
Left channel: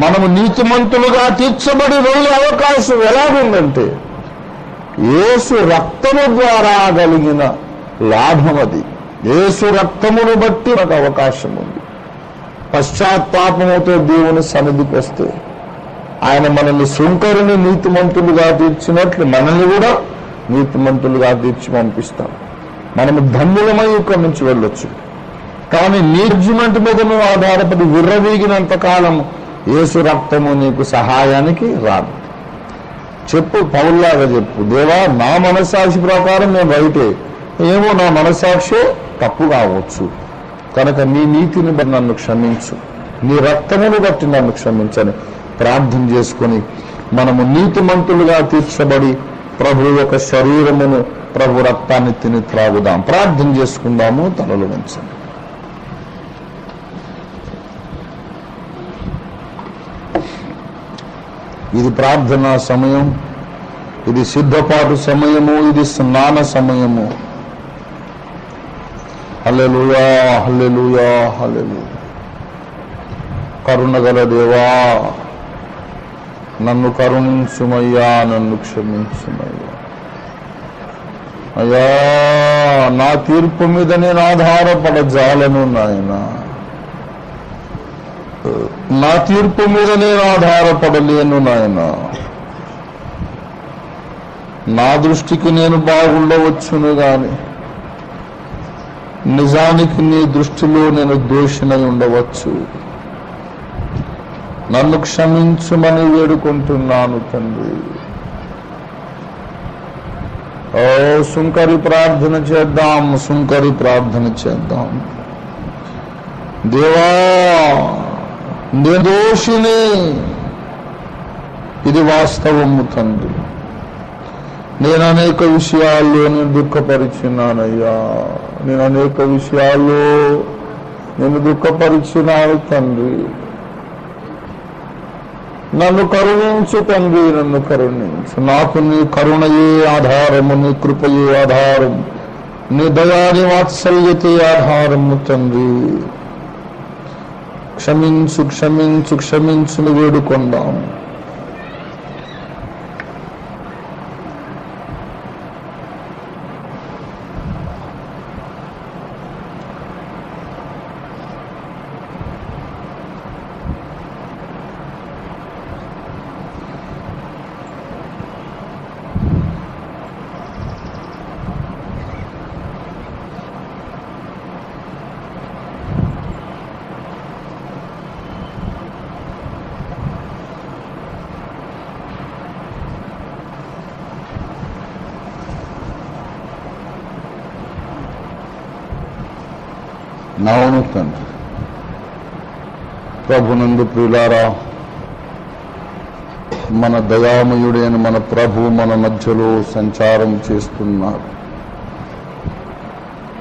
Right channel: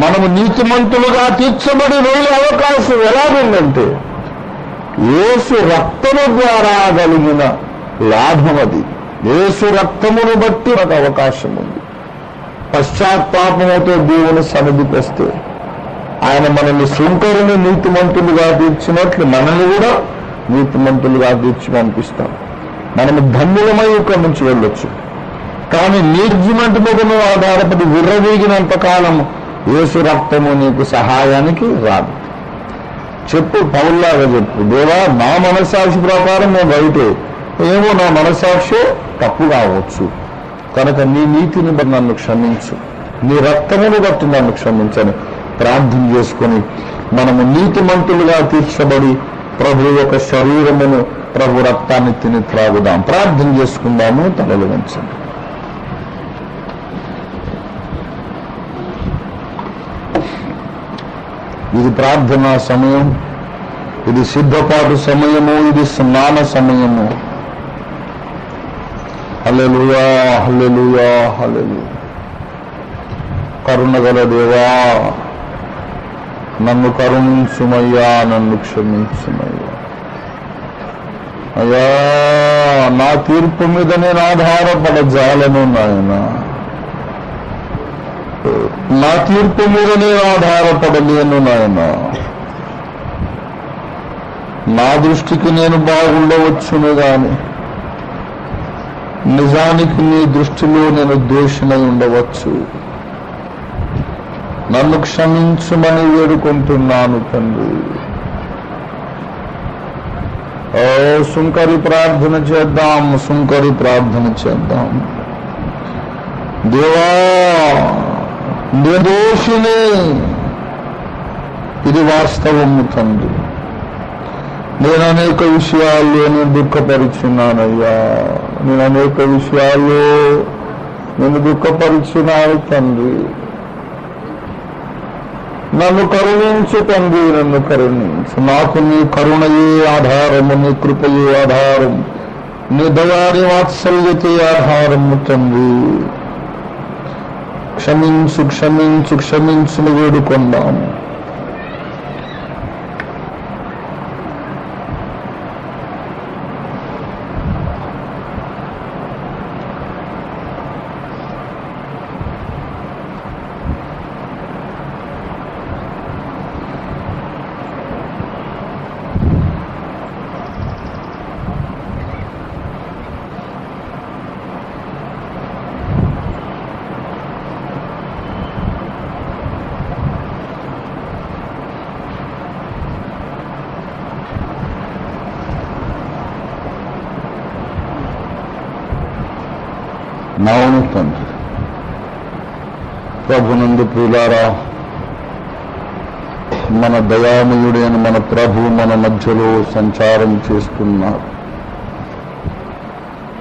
మనము నీతిమంతులుగా తీర్చబడి వెళ్ళే అవకాశం ఎలాగుందంటే యేసు రక్తము ద్వారా కలిగిన లాభం అది. యేసు రక్తమును బట్టి ఒక అవకాశం ఉంది. పశ్చాత్తాపముతో దేవుని సన్నిధికి వస్తే ఆయన మనల్ని సుంకరుని నీతిమంతులుగా తీర్చినట్లు మనల్ని కూడా నీతిమంతులుగా తీర్చి పంపిస్తాం. మనము ధన్యులమై ఇక్కడి నుంచి వెళ్ళొచ్చు. కానీ నీర్జిమెంట్ మీద నువ్వు ఆధారపడి విర్రవీగినంత కాలం యేసు రక్తము నీకు సహాయానికి రాదు. చెప్పు, పౌల్లాగా చెప్పు, దేవా నా మనస్సాక్షి ప్రకారం నేను రైతే, ఏమో నా మనస్సాక్షి తప్పు కావచ్చు, కనుక నీ నీతిని బట్టి నన్ను క్షమించు, నీ రక్తమును బట్టి నన్ను క్షమించని ప్రార్థన చేసుకొని మనము నీతిమంతులుగా తీర్చబడి ప్రభు యొక్క శరీరమును, ప్రభు రక్తాన్ని తిని త్రాగుదాం. ప్రార్థన చేసుకుందాము. తలలు వంచండి. ఇది ప్రార్థనా సమయం, ఇది సిద్ధపాటు సమయము, ఇది స్నాన సమయము. హల్లెలూయా, హల్లెలూయా, హల్లెలూయా. కరుణగల దేవా, నన్ను కరుణించుమయ్యా, నన్ను క్షమించుమయ్యా. అయ్యా, నా తీర్పు మీద నేను ఆధారపడజాలను నాయనా, నా తీర్పు మీద నేను ఆధారపడలేను నాయనా. నా దృష్టికి నేను బాగుండవచ్చును గాని నిజానికి నీ దృష్టిలో నేను దోషినై ఉండవచ్చు. నన్ను క్షమించుమని వేడుకుంటున్నాను తండ్రి. ఓ సుంకరి ప్రార్థన చేద్దాం, సుంకరి ప్రార్థన చేద్దాం. దేవా, నిర్దోషిని, ఇది వాస్తవము తండ్రి. నేను అనేక విషయాల్లో నేను దుఃఖపరుచున్నానయ్యా, నేను అనేక విషయాల్లో నేను దుఃఖపరుచున్నాను తండ్రి. నన్ను కరుణించు తండ్రి, నన్ను కరుణించు. నాకు నీ కరుణయే ఆధారము, నీ కృపయే ఆధారం, నీ దయాని వాత్సల్యతే ఆధారము తండ్రి. క్షమించు, క్షమించు, క్షమించుని వేడుకొందాం. అవును తండ్రి. ప్రభునందు ప్రియులారా, మన దయామయుడైన మన ప్రభు మన మధ్యలో సంచారం చేస్తున్నారు.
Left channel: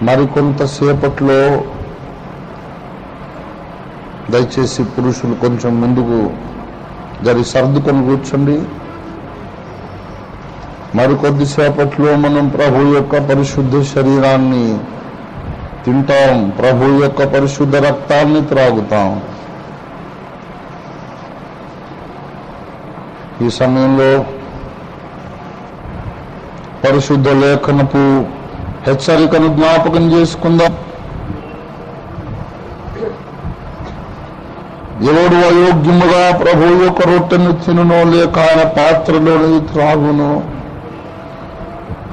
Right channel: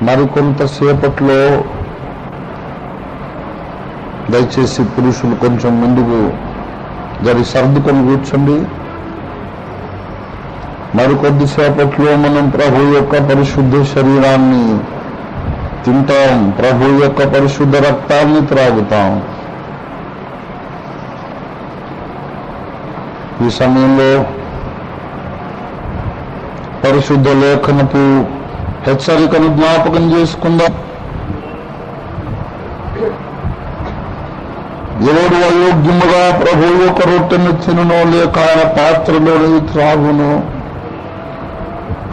మరికొంతసేపట్లో దయచేసి పురుషులు కొంచెం ముందుకు సర్దుకొని కూర్చోండి. మరికొద్దిసేపట్లో మనం ప్రభు యొక్క పరిశుద్ధ శరీరాన్ని తింటాం, ప్రభు యొక్క పరిశుద్ధ రక్తాన్ని త్రాగుతాం. ఈ సమయంలో పరిశుద్ధ లేఖనపు హెచ్చరికను జ్ఞాపకం చేసుకుందాం. ఎవడు అయోగ్యముగా ప్రభు యొక్క రొట్టెను తినునో లేక ఆయన పాత్రలోని త్రాగునో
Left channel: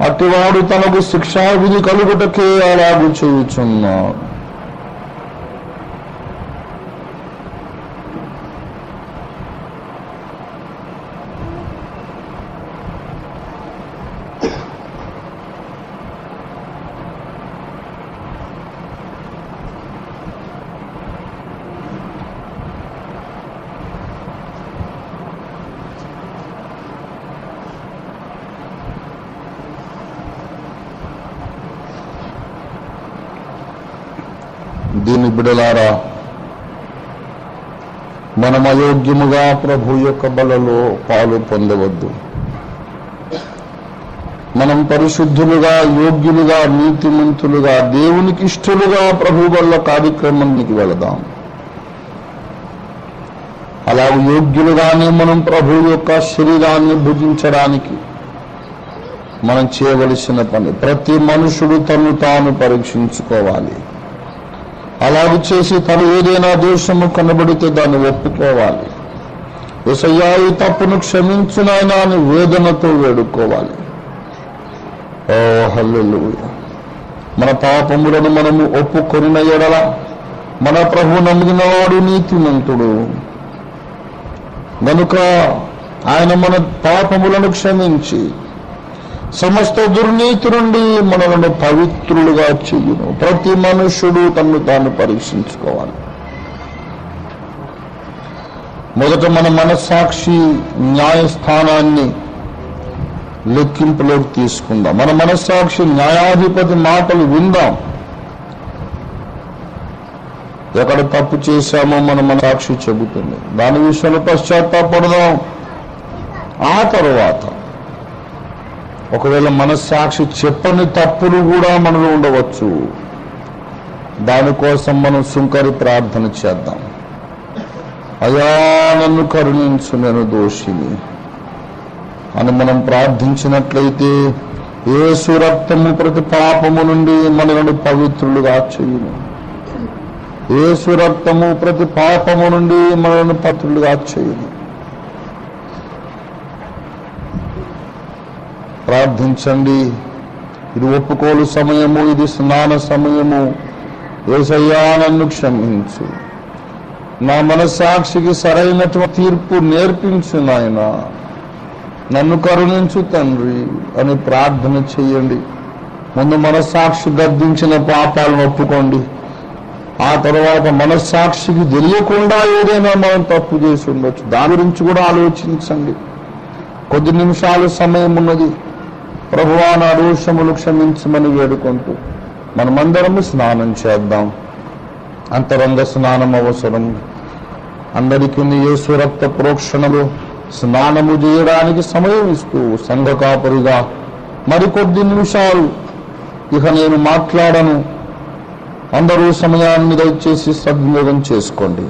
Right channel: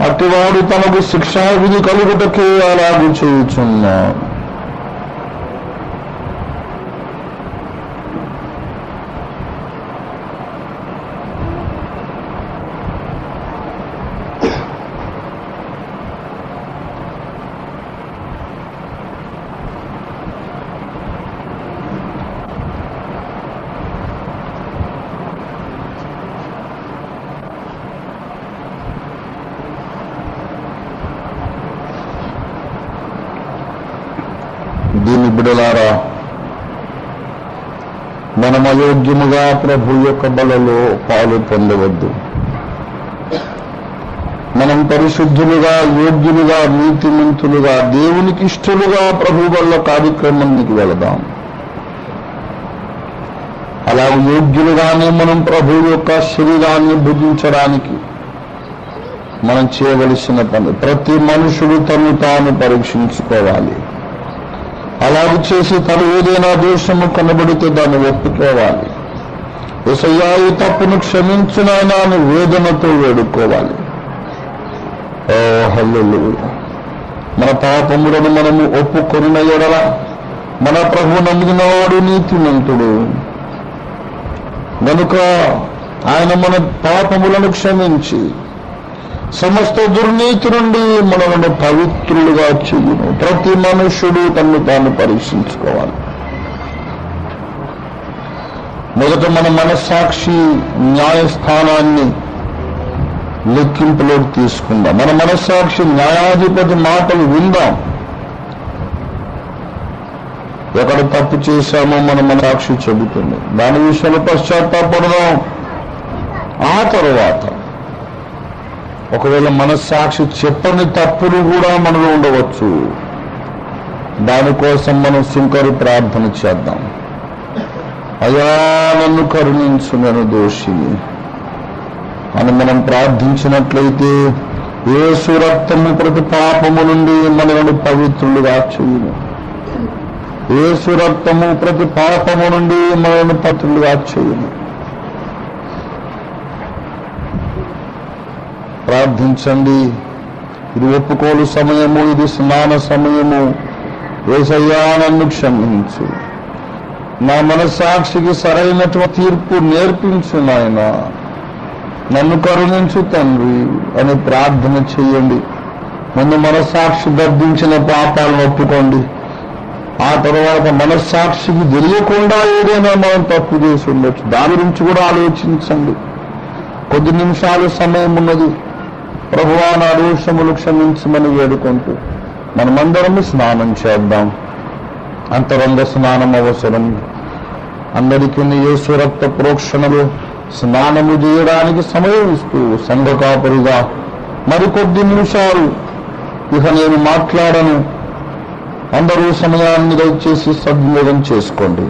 అటువాడు తనకు శిక్షావిధి కలుగుటకే అలాగూ చేయుచున్నాడు. దీని బిడలారా, మనం అయోగ్యముగా ప్రభు యొక్క బలలో పాలు పొందవద్దు. మనం పరిశుద్ధులుగా, యోగ్యులుగా, నీతిమంతులుగా, దేవునికి ఇష్టలుగా ప్రభు వల్ల కార్యక్రమానికి వెళదాం. అలా యోగ్యులుగానే మనం ప్రభు యొక్క శరీరాన్ని భుజించడానికి మనం చేయవలసిన పని, ప్రతి మనుషుడు తను తాను పరీక్షించుకోవాలి. అలాగే చేసి తను ఏదైనా దోషము కనబడితే దాన్ని ఒప్పుకోవాలి. యేసయ్యా ఈ తప్పును క్షమించు నాయనా అని వేదనతో వేడుకోవాలి. ఓ హల్లెలూయా. మన పాపములను మనము ఒప్పుకొనిన ఎడల మన ప్రభు నమ్మినవాడు నీతిమంతుడు గనుక ఆయన మన పాపములను క్షమించి సమస్త దుర్నీతి నుండి మనలను పవిత్రులుగా చెయ్యును. ప్రతి మనుష్యుడు తన్ను తాను పరీక్షించుకోవాలి. మొదట మన మనస్సాక్షి న్యాయస్థానాన్ని లెక్కింపులోకి తీసుకుందాం. మన మనస్సాక్షి న్యాయాధిపతి మాటలు విందాం. ఎక్కడ తప్పు చేశామో మన మనస్సాక్షి చెబుతుంది. దాని విషయంలో పశ్చాత్తాపడదాం. ఆ తరువాత ఒకవేళ మనస్సాక్షి చెప్పని తప్పులు కూడా మనలో ఉండవచ్చు. దానికోసం మనం సుంకరి ప్రార్థన చేద్దాం. అయ్యా నన్ను కరుణించు, నేను దోషిని అని మనం ప్రార్థించినట్లయితే యేసు రక్తము ప్రతి పాపము నుండి మనల్ని పవిత్రులుగా చేయును. యేసు రక్తము ప్రతి పాపము నుండి మనల్ని పవిత్రులుగా చేయును. ప్రార్థించండి. ఇది ఒప్పుకోలు సమయము, ఇది స్నాన సమయము. యేసయ్యా నన్ను క్షమించు, నా మనస్సాక్షికి సరైనటువంటి తీర్పు నేర్పించు నాయనా, నన్ను కరుణించు తండ్రి అని ప్రార్థన చేయండి. ముందు మనస్సాక్షి గర్దించిన పాపాలను ఒప్పుకోండి. ఆ తర్వాత మనస్సాక్షికి తెలియకుండా ఏదైనా మనం తప్పు చేసి ఉండొచ్చు, దాని గురించి కూడా ఆలోచించండి. కొద్ది నిమిషాలు సమయం ఉన్నది. ప్రభువా నా దోషములు క్షమించమని వేడుకుంటూ మనమందరము స్నానం చేద్దాం. అంతరంగ స్నానం అవసరం. అందరికీ యేసు రక్త ప్రోక్షణలు స్నానము చేయడానికి సమయం ఇస్తూ సంఘ కాపరిగా మరికొద్ది నిమిషాలు ఇక నేను మాట్లాడను. అందరూ సమయాన్ని దయచేసి సద్వినియోగం చేసుకోండి.